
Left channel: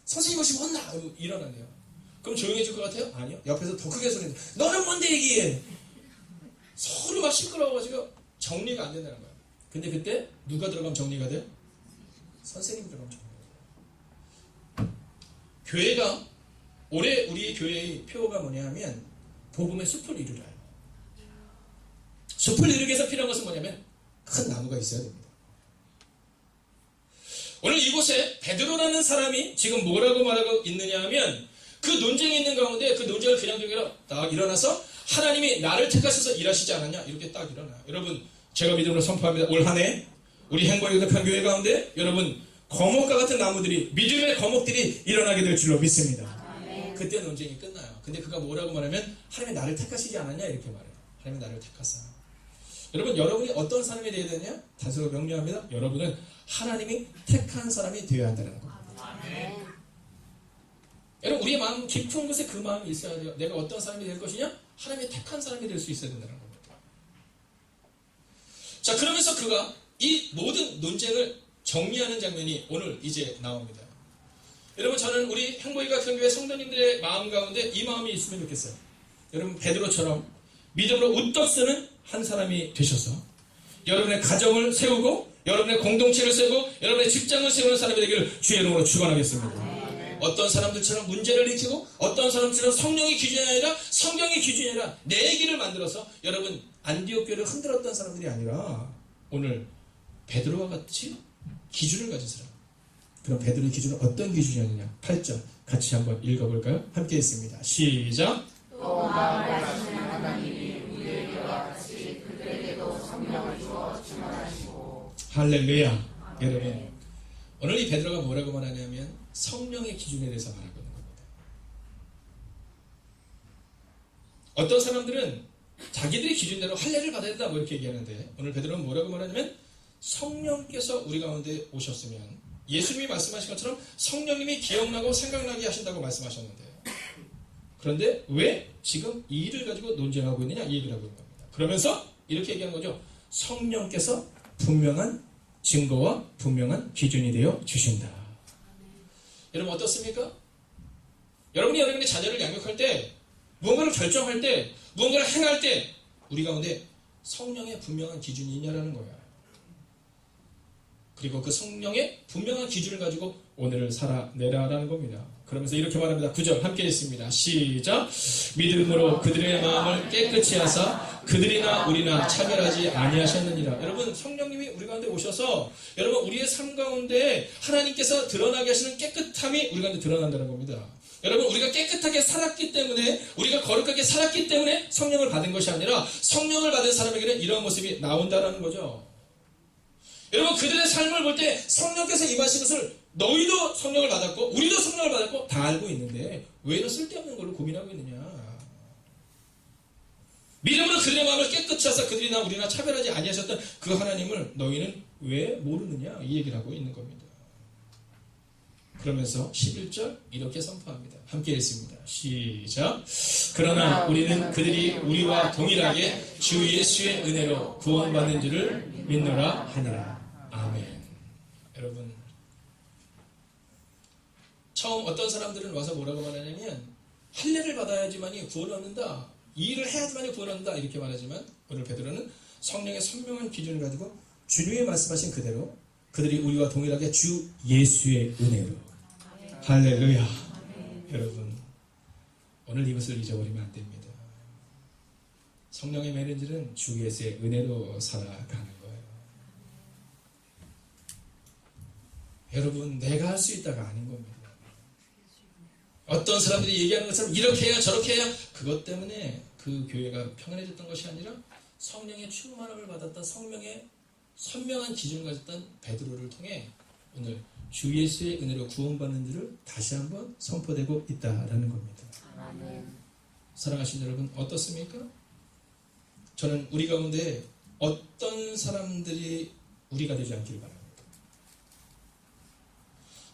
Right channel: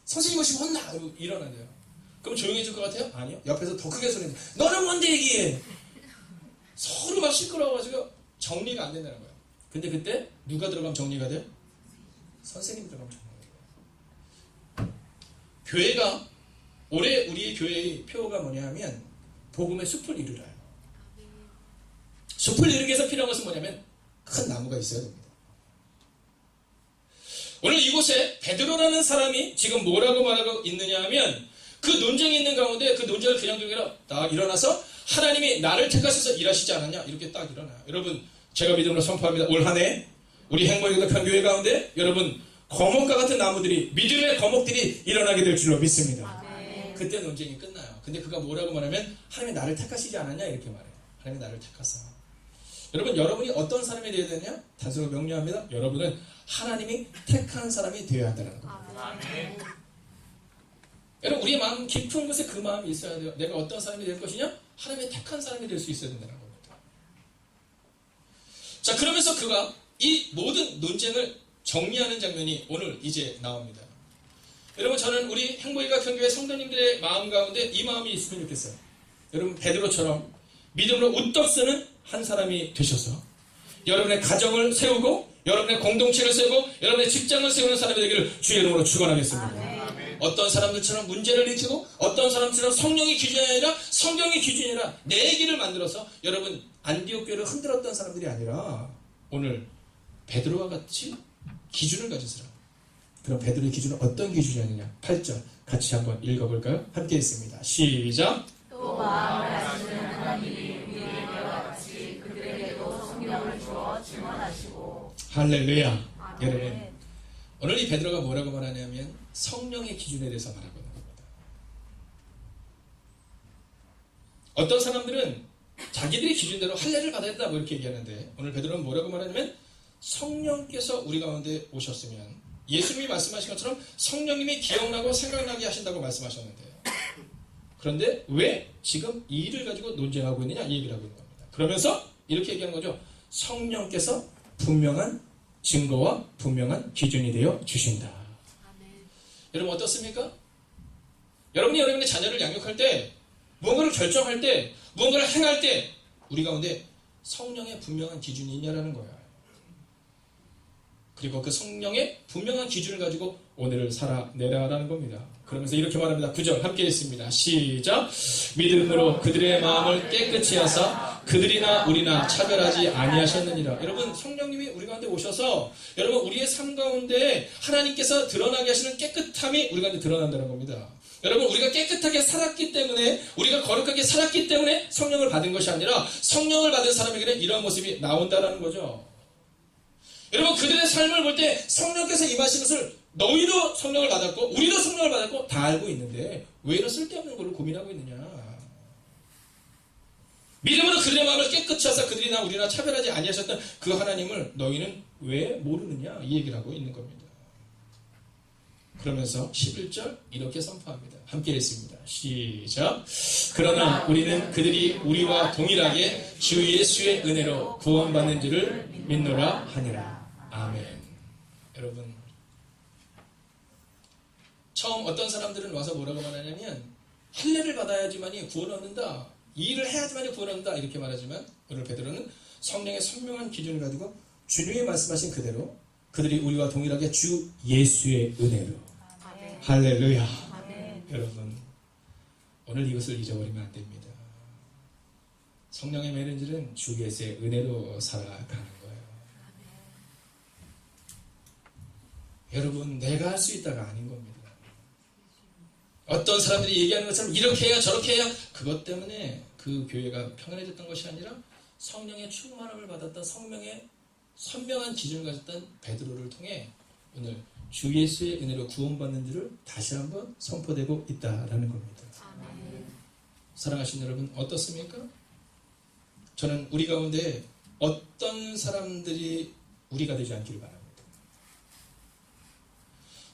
선생님 오시면 혼나. 일어난대요. 그럼 조용히 해줄 것 같아요? 아니요. 옆에서 더 크게 소리내요. 너는 뭔데 얘기해. 서로 막 시끄러워가지고 정리가 안 된다는 거예요. 근데 그때 누가 들어가면 정리가 돼요? 선생님이 들어가면 정리가 돼요. 교회가 올해 우리 교회의 표어가 뭐냐면 복음의 숲을 이루라요. 숲을 이루기 위해서 필요한 것은 뭐냐면 큰 나무가 있어야 됩니다. 오늘 이곳에 베드로라는 사람이 지금 뭐라고 말하고 있느냐 하면 그 논쟁이 있는 가운데 그 논쟁을 그냥 두기로 딱 일어나서 하나님이 나를 택하셔서 일하시지 않았냐 이렇게 딱 일어나요. 여러분 제가 믿음으로 선포합니다. 올 한 해 우리 행복의 교회 가운데 여러분 거목과 같은 나무들이 믿음의 거목들이 일어나게 될 줄로 믿습니다. 그때 논쟁이 끝나요. 근데 그가 뭐라고 말하면 하나님이 나를 택하시지 않았냐 이렇게 말해요. 하나님이 나를 택하사. 여러분 여러분이 어떤 사람이 되어야 되냐? 단서가 명료합니다. 여러분은 하나님이 택한 사람이 되어야 한다는 겁니다. 여러분 우리의 마음 깊은 곳에 그 마음이 있어야 돼요. 내가 어떤 사람이 될 것이냐? 하나님이 택한 사람이 될 수 있어야 된다는 겁니다. 자 그러면서 그가 이 모든 논쟁을 정리하는 장면이 오늘 이제 나옵니다. 여러분 저는 우리 행복이가 경교회 성도님들의 마음 가운데 이 마음이 있으면 좋겠어요. 여러분 베드로처럼 믿음으로 우떡 쓰는 한 사람이 되셔서 여러분의 가정을 세우고 여러분의 공동체를 세우고 여러분의 직장을 세우는 사람이 되기를 주의 이름으로 축원하겠습니다. 어떤 사람들처럼 문제를 일으키고 어떤 사람처럼 성령이 기준이 아니라 성경이 기준이 아니라 내 길을 만들어서 여러분 안디옥 교회를 흔들었던 사람들이 아니라 오늘 베드로와 같이 기준을 가진 사람. 그럼 베드로의 기준은 어떤 기준이었느냐? 8절 같이 한번 읽어볼까요? 함께 있습니다. 시작. 또 마음을 아시는 하나님이 우리에게와 같이 그들에게도 성령을 주어 증언하시고. 할렐루야. 여러분 오늘 이 베드로가 뭐라고 말하냐면 성령의 기준에 대해서 말하고 있는 겁니다. 어떤 사람들은 자기들의 기준대로 할례를 받아야 된다 뭐 이렇게 얘기하는데 오늘 베드로는 뭐라고 말하냐면 성령께서 우리 가운데 오셨으면 예수님이 말씀하신 것처럼 성령님이 기억나고 생각나게 하신다고 말씀하셨는데요. 그런데 왜 지금 이 일을 가지고 논쟁하고 있느냐 이 얘기를 하고 있는 겁니다. 그러면서 이렇게 얘기하는 거죠. 성령께서 분명한 증거와 분명한 기준이 되어 주신다. 여러분 어떻습니까? 여러분이 여러분의 자녀를 양육할 때, 무언가를 결정할 때, 무언가를 행할 때 우리 가운데 성령의 분명한 기준이 있냐라는 거예요. 그리고 그 성령의 분명한 기준을 가지고 오늘을 살아내라라는 겁니다. 그러면서 이렇게 말합니다. 9절 함께 읽습니다. 시작. 믿음으로 그들의 마음을 깨끗이 하사 그들이나 우리나 차별하지 아니하셨느니라. 여러분 성령님이 우리 가운데 오셔서 여러분 우리의 삶 가운데 하나님께서 드러나게 하시는 깨끗함이 우리 가운데 드러난다는 겁니다. 여러분 우리가 깨끗하게 살았기 때문에 우리가 거룩하게 살았기 때문에 성령을 받은 것이 아니라 성령을 받은 사람에게는 이러한 모습이 나온다라는 거죠. 여러분 그들의 삶을 볼 때 성령께서 임하신 것을 너희도 성령을 받았고 우리도 성령을 받았고 다 알고 있는데 왜 이런 쓸데없는 걸로 고민하고 있느냐. 믿음으로 그들의 마음을 깨끗이 하사 그들이나 우리나 차별하지 아니하셨던 그 하나님을 너희는 왜 모르느냐 이 얘기를 하고 있는 겁니다. 그러면서 11절 이렇게 선포합니다. 함께 읽습니다. 시작. 그러나 우리는 그들이 우리와 동일하게 주 예수의 은혜로 구원받는 줄을 믿노라 하니라. 아멘. 여러분 처음 어떤 사람들은 와서 뭐라고 말하냐면 할례를 받아야지만이 구원을 얻는다. 이 일을 해야지만이 구원을 얻는다. 이렇게 말하지만 오늘 베드로는 성령의 선명한 기준을 가지고 주님이 말씀하신 그대로 그들이 우리와 동일하게 주 예수의 은혜로. 아멘. 할렐루야. 아멘. 여러분 오늘 이것을 잊어버리면 안 됩니다. 성령의 매는질은 주 예수의 은혜로 살아가는 거예요. 여러분 내가 할 수 있다가 아닌 겁니다. 어떤 사람들이 얘기하는 것처럼 이렇게 해야 저렇게 해야 그것 때문에 그 교회가 평안해졌던 것이 아니라 성령의 충만함을 받았던 성령의 선명한 기준을 가졌던 베드로를 통해 오늘 주 예수의 은혜로 구원받는 줄을 다시 한번 선포되고 있다라는 겁니다. 아멘. 사랑하신 여러분 어떻습니까? 저는 우리 가운데 어떤 사람들이 우리가 되지 않기를 바랍니다.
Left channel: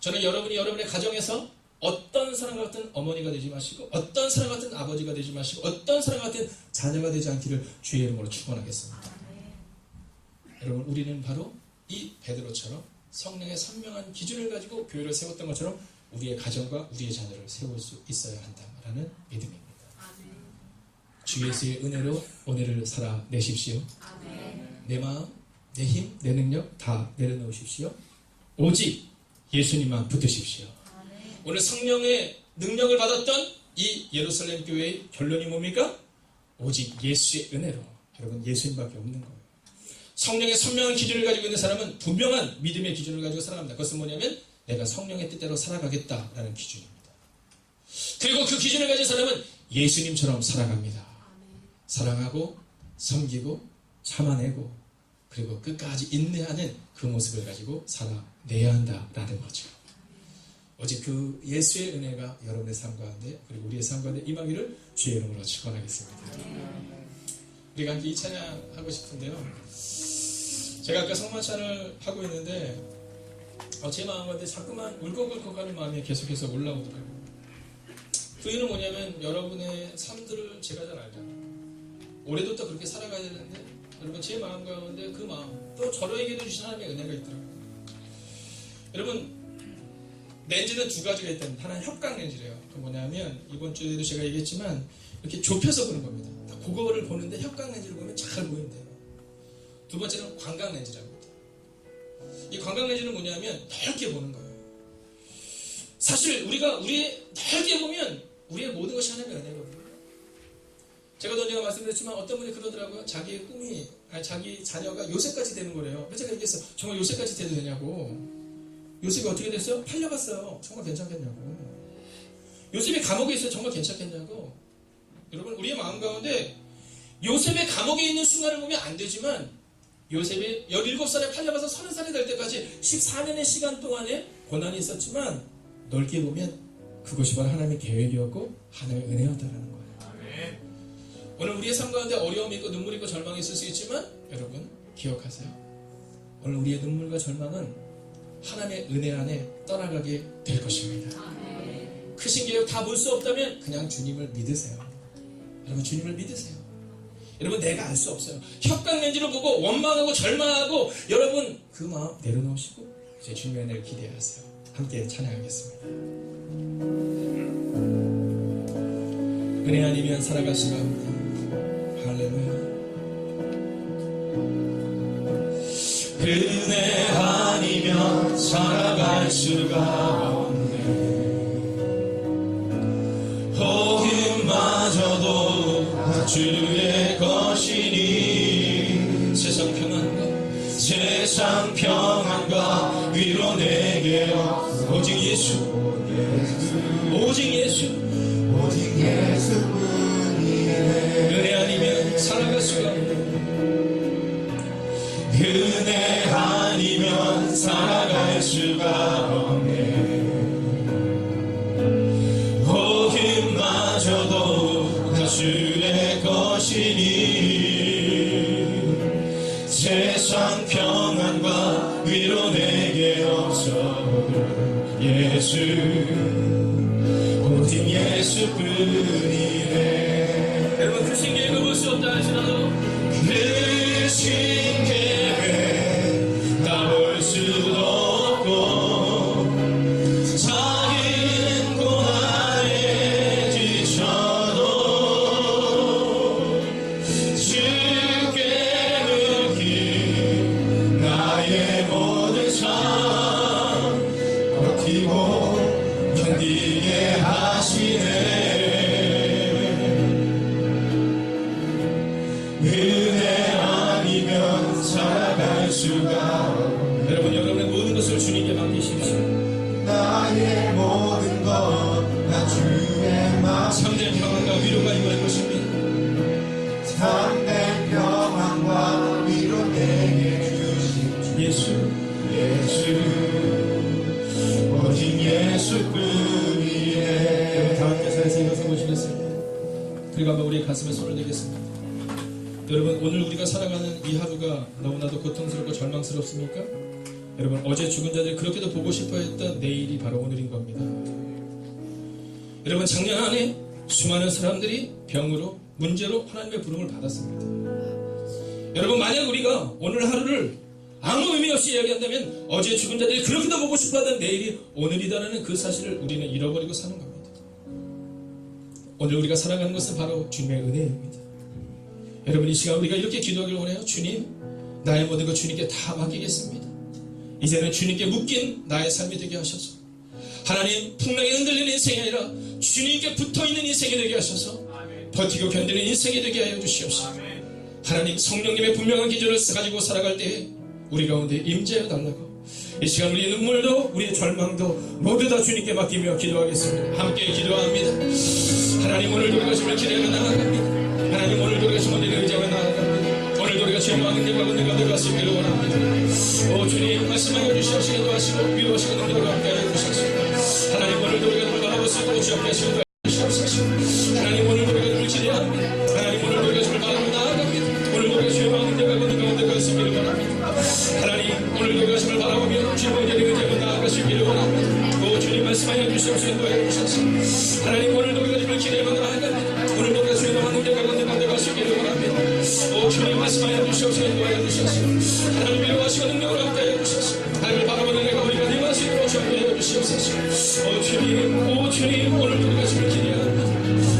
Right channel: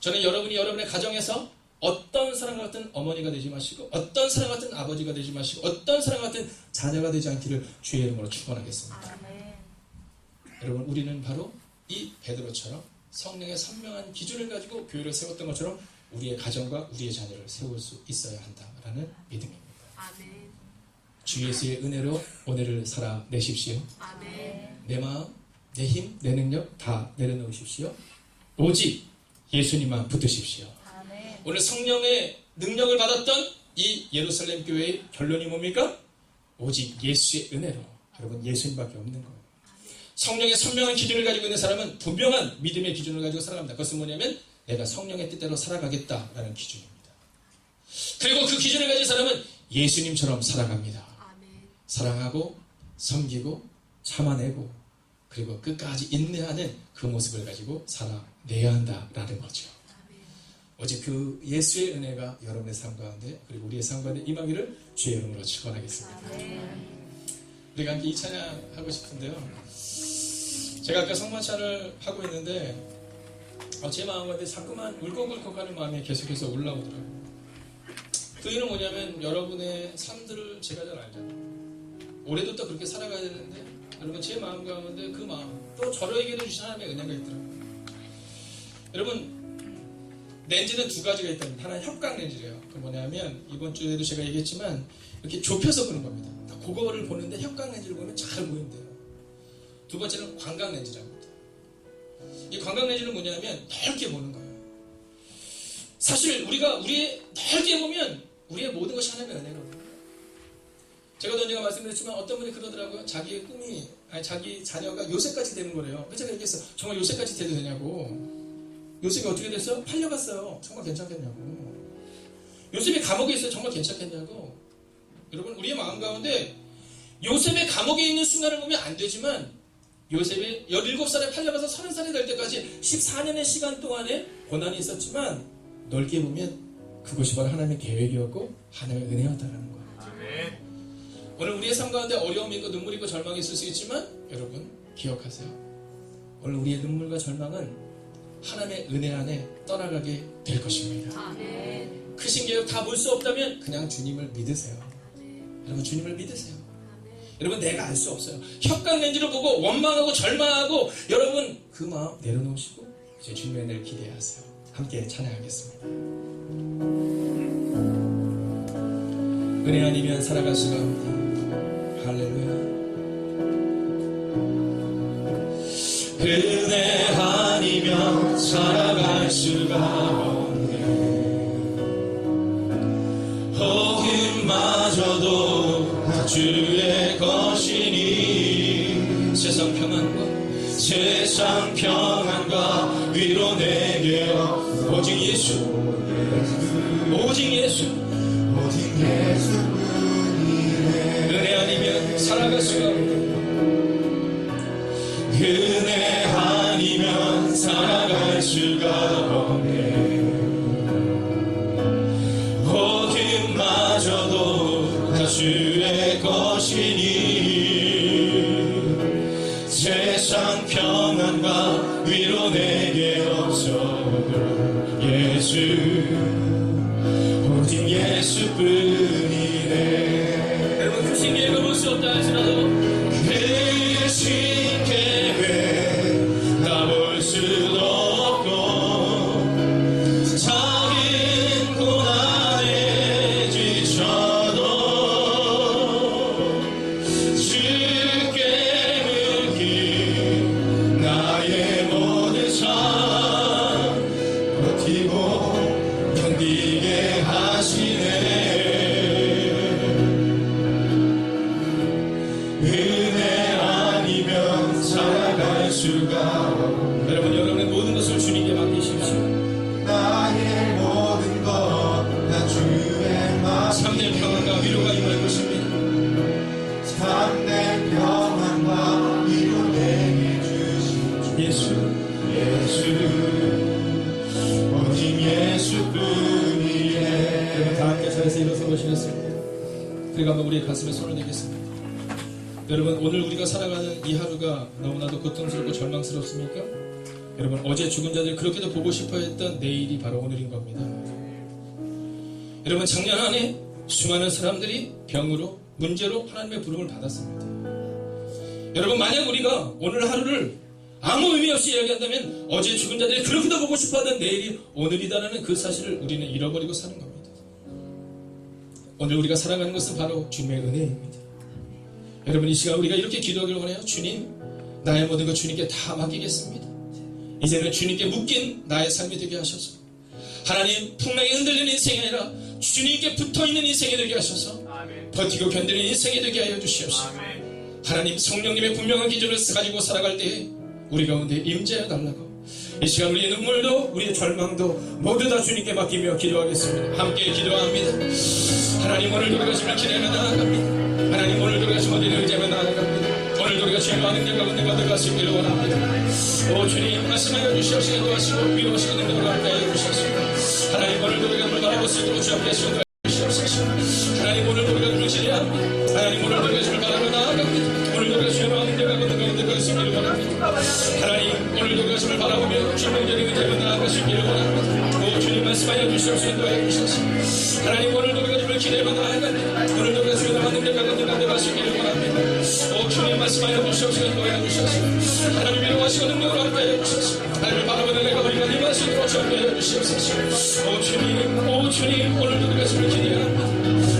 저는 여러분이 여러분의 가정에서 어떤 사람 같은 어머니가 되지 마시고 어떤 사람 같은 아버지가 되지 마시고 어떤 사람 같은 자녀가 되지 않기를 주의 이름으로 축원하겠습니다. 아멘. 여러분 우리는 바로 이 베드로처럼 성령의 선명한 기준을 가지고 교회를 세웠던 것처럼 우리의 가정과 우리의 자녀를 세울 수 있어야 한다라는 믿음입니다. 아멘. 주 예수의 은혜로 오늘을 살아내십시오. 아멘. 내 마음, 내 힘, 내 능력 다 내려놓으십시오. 오직 예수님만 붙으십시오. 아멘. 오늘 성령의 능력을 받았던 이 예루살렘 교회의 결론이 뭡니까? 오직 예수의 은혜로. 여러분 예수님밖에 없는 거예요. 성령의 선명한 기준을 가지고 있는 사람은 분명한 믿음의 기준을 가지고 살아갑니다. 그것은 뭐냐면 내가 성령의 뜻대로 살아가겠다라는 기준입니다. 그리고 그 기준을 가진 사람은 예수님처럼 살아갑니다. 아멘. 사랑하고 섬기고 참아내고 그리고 끝까지 인내하는 그 모습을 가지고 살아내야 한다라는 거죠. 오직 그 예수의 은혜가 여러분의 삶 가운데 그리고 우리의 삶 가운데 임하기를 주의 이름으로 축원하겠습니다. 우리가 함께 이 찬양 하고 싶은데요. 제가 아까 성만찬을 하고 있는데 제 마음 가운데 자꾸만 울컥울컥하는 마음이 계속해서 올라오더라고요. 그 이유는 뭐냐면 여러분의 삶들을 제가 잘 알잖아요. 올해도 또 그렇게 살아가야 되는데 여러분 제 마음 가운데 그 마음 또 저에게도 주신 하나님의 은혜가 있더라고요. 여러분 렌즈는 두 가지가 있답니다. 하나는 협각 렌즈래요. 그 뭐냐면 이번 주에도 제가 얘기했지만 이렇게 좁혀서 보는 겁니다. 그거를 보는데 협각 렌즈를 보면 잘 보인대요. 두 번째는 광각 렌즈랍니다. 이 광각 렌즈는 뭐냐면 넓게 보는 거예요. 사실 우리가 넓게 보면 우리의 모든 것이 하나님의 은혜거든요. 제가 언젠가 말씀드렸지만 어떤 분이 그러더라고요. 자기의 꿈이 자기 자녀가 요셉까지 되는 거래요. 그래서 제가 얘기했어요. 정말 요셉까지 돼도 되냐고. 요셉이 어떻게 됐어요? 팔려갔어요. 정말 괜찮겠냐고. 요셉이 감옥에 있어요. 정말 괜찮겠냐고. 여러분 우리의 마음 가운데 요셉의 감옥에 있는 순간을 보면 안 되지만 요셉이 17살에 팔려가서 30살이 될 때까지 14년의 시간 동안에 고난이 있었지만 넓게 보면 그것이 바로 하나님의 계획이었고 하나님의 은혜였다라는 거예요. 아멘. 오늘 우리의 삶 가운데 어려움이 있고 눈물이 있고 절망이 있을 수 있지만 여러분 기억하세요. 오늘 우리의 눈물과 절망은 하나님의 은혜 안에 떠나가게 될 것입니다. 크신 계획 다 볼 수 없다면 그냥 주님을 믿으세요. 여러분, 주님을 믿으세요. 여러분, 내가 알 수 없어요. 협강 렌즈를 보고 원망하고 절망하고 여러분 그 마음 내려놓으시고 이제 주님의 은혜를 기대하세요. 함께 찬양하겠습니다. 은혜 아니면 살아갈 수가 없네. 할렐루야. 은혜 아니면 살아갈 수가 없네. 복음마저도 주의 것이니 세상 평안과 위로 내게 오직 예수 오직 예수뿐이네. 은혜 아니면 살아갈 수가 없네. 은혜 아니면 살아갈 수가 없네. 복음마저도 다 주의 것이니 세상 평안과 위로 내게 없어도 예수 오직 예수뿐이네. 여러분, 크신 계획을 볼 수 없다 할지라도 크신 계획 다 볼 수도 없고 작은 고난에 지쳐도 주께 맡긴 나의 모든 삶 버티고 견디게 하시네. 은혜 아니면 살아갈 수가. 여러분, 여러분의 모든 것을 주님께 맡기십시오. 나의 모든 것 다 주의 말. 참된 평안과 위로가 임할 것입니다. 참된 평안과 위로 내게 주십시오. 예수 오직 예수뿐이네. 다 함께 자리에서 일어서 보시겠습니다. 그리고 한번 우리의 가슴에 손을 대겠습니다. 여러분, 오늘 우리가 살아가는 이 하루가 너무나도 고통스럽고 절망스럽습니까? 여러분, 어제 죽은 자들 그렇게도 보고 싶어 했던 내일이 바로 오늘인 겁니다. 여러분, 작년 안에 수많은 사람들이 병으로 문제로 하나님의 부름을 받았습니다. 여러분, 만약 우리가 오늘 하루를 아무 의미 없이 이야기한다면 어제 죽은 자들이 그렇게도 보고 싶어 하던 내일이 오늘이다라는 그 사실을 우리는 잃어버리고 사는 겁니다. 오늘 우리가 살아가는 것은 바로 주님의 은혜입니다. 여러분, 이 시간 우리가 이렇게 기도하기를 원해요. 주님, 나의 모든 것 주님께 다 맡기겠습니다. 이제는 주님께 묶인 나의 삶이 되게 하셔서 하나님, 풍랑에 흔들리는 인생이 아니라 주님께 붙어있는 인생이 되게 하셔서 버티고 견디는 인생이 되게 하여 주시옵소서. 하나님, 성령님의 분명한 기준을 가지고 살아갈 때에 우리 가운데 임재하여 달라고 이 시간 우리의 눈물도 우리의 절망도 모두 다 주님께 맡기며 기도하겠습니다. 함께 기도합니다. 하나님, 오늘도 우리가 주님을 기대하며 나아갑니다. 하나님, 오늘도 우리가 주님을 의지하며 나아갑니다. 오늘도 우리가 주의 많은 길과 은혜가 들어가시기를 원합니다. 오 주님, 말씀하여 주시옵시고 도와시고 위로하시고 능력으로 함께하여 주시옵소서. 하나님, 오늘도 우리가 주를 바라볼 수 있도록 주옵게 하시고 도와주시옵소서. 하나님, 오늘도 우리가 주를 기대합니다. 하나님, 오늘도 우리가 주를 바라보며 나아갑니다. 오늘도 우리가 주의 많은 길과 은혜가 들어가시기를 원합니다. 하나님, 오늘도 우리가 주를 바라보며 주의 많은 길과 은혜가 나아가시기를 원합니다. 오 주님, 말씀하여 주시옵시고 도와주시옵소서. 하나님, 오늘도 우리가 주를 기대하며 나아갑니다. 오늘도 우리가 주의 많은 길과 은혜가 들어가시기를 원합니다. 오 주님, 말씀하여 주시옵시고 도와주시옵소서. 하나님, 위로하시고 능력으로 함께하여 주시옵소서. 하나님을 바라보는 내가 우리가 임할 수 있도록 함께하여 주시옵소서. 오 주님, 오늘도 우리가 주를 기대합니다.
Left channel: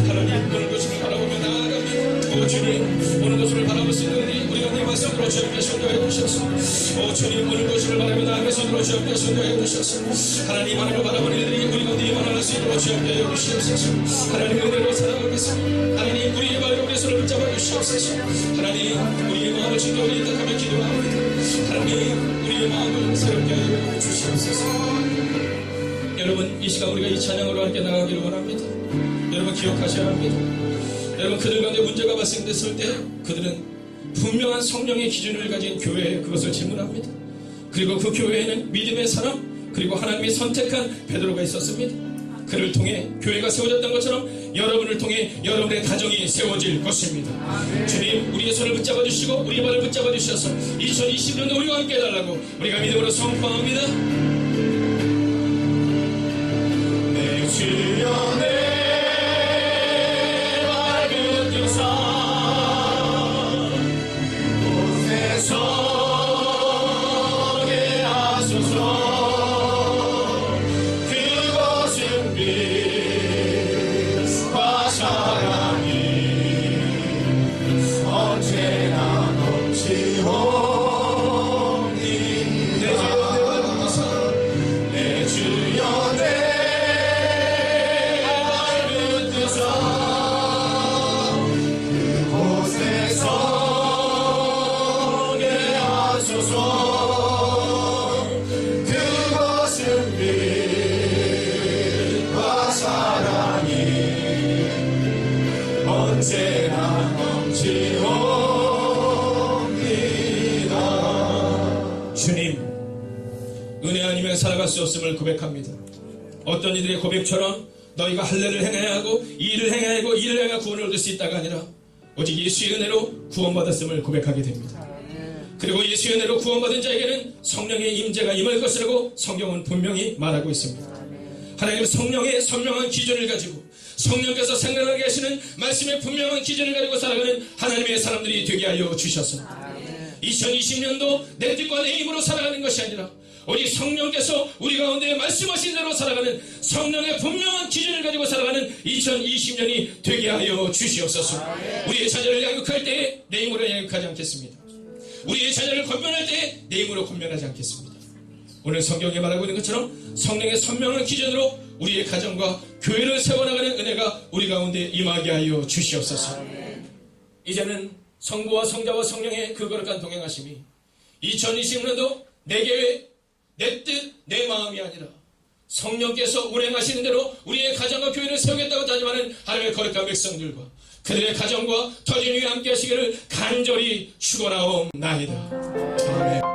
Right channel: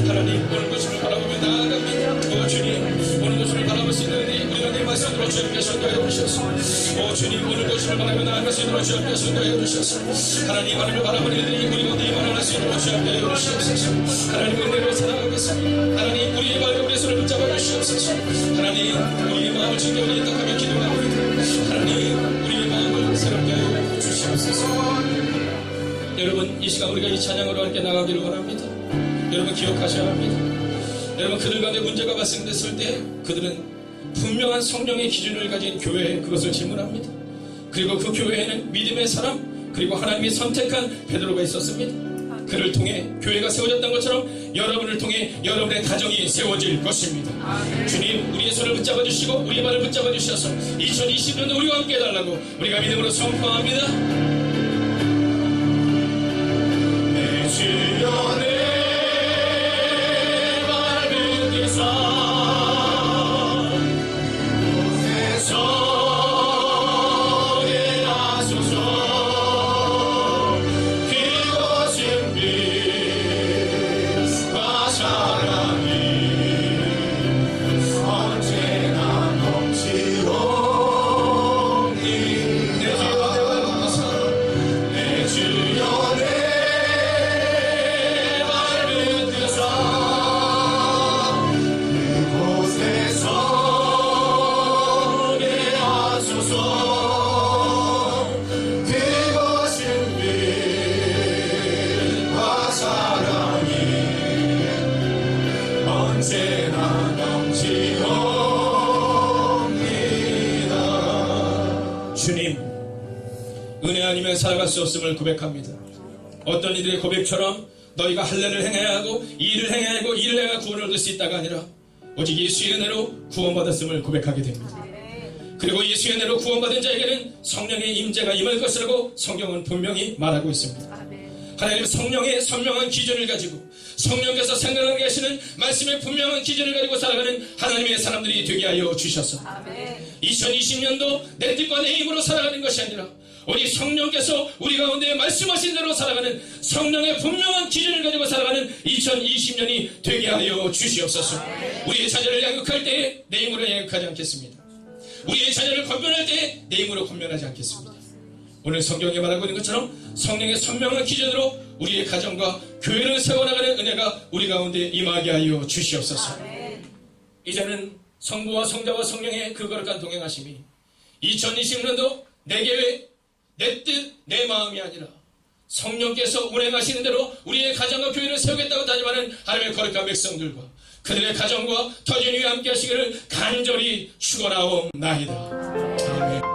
하나님, 오늘도 주를 바라보며 나아갑니다. 오 주님, 오늘도 주를 바라볼 수 있는 우리가 내 말씀으로 주님께 선도하여 주시옵소서. 오 주님, 오늘도 주를 바라보며 나아갈 수 있도록 주님께 선도하여 주시옵소서. 하나님, 하나님을 바라보는 이들이 우리 가운데 임할 수 있도록 주님께 하여 주시옵소서. 하나님, 은혜로 살아가겠습니다. 하나님, 우리의 마음을 우리의 손을 붙잡아 주시옵소서. 하나님, 우리의 마음을 진정하게 딱하게 기도합니다. 하나님, 우리의 마음을 새롭게 하여 주시옵소서. 여러분, 이 시간 우리가 이 찬양으로 함께 나가기를 원합니다. 여러분, 기억하셔야 합니다. 여러분, 그들 가운데 문제가 발생됐을 때 그들은 분명한 성령의 기준을 가진 교회에 그것을 질문합니다. 그리고 그 교회에는 믿음의 사람 그리고 하나님이 선택한 베드로가 있었습니다. 그를 통해 교회가 세워졌던 것처럼 여러분을 통해 여러분의 가정이 세워질 것입니다. 주님, 우리의 손을 붙잡아 주시고 우리의 발을 붙잡아 주셔서 2020년도 우리와 함께 해달라고 우리가 믿음으로 선포합니다. 언제나 넘치옵니다. 주님, 은혜 아니면 살아갈 수 없음을 고백합니다. 어떤 이들의 고백처럼 너희가 할례를 행해야 하고 이 일을 행해야 하고 이 일을 행해야 구원을 얻을 수 있다가 아니라 오직 예수의 은혜로 구원받았음을 고백하게 됩니다. 그리고 예수의 은혜로 구원받은 자에게는 성령의 임재가 임할 것이라고 성경은 분명히 말하고 있습니다. 하나님은 성령의 선명한 기준을 가지고 성령께서 생각하게 하시는 말씀의 분명한 기준을 가지고 살아가는 하나님의 사람들이 되게 하여 주셔서 2020년도 내 뜻과 내 힘으로 살아가는 것이 아니라 오직 성령께서 우리 가운데 말씀하신 대로 살아가는 성령의 분명한 기준을 가지고 살아가는 2020년이 되게 하여 주시옵소서. 우리의 자녀를 양육할 때에 내 힘으로 양육하지 않겠습니다. 우리의 자녀를 권면할 때에 내 힘으로 권면하지 않겠습니다. 오늘 성경에 말하고 있는 것처럼 성령의 선명한 기준으로 우리의 가정과 교회를 세워나가는 은혜가 우리 가운데 임하게 하여 주시옵소서. 이제는 성부와 성자와 성령의 그 거룩한 동행하심이 2020년도 내 계획, 내 뜻, 내 마음이 아니라 성령께서 운행하시는 대로 우리의 가정과 교회를 세우겠다고 다짐하는 하나님의 거룩한 백성들과 그들의 가정과 터전 위에 함께 하시기를 간절히 축원하옵나이다. 아멘.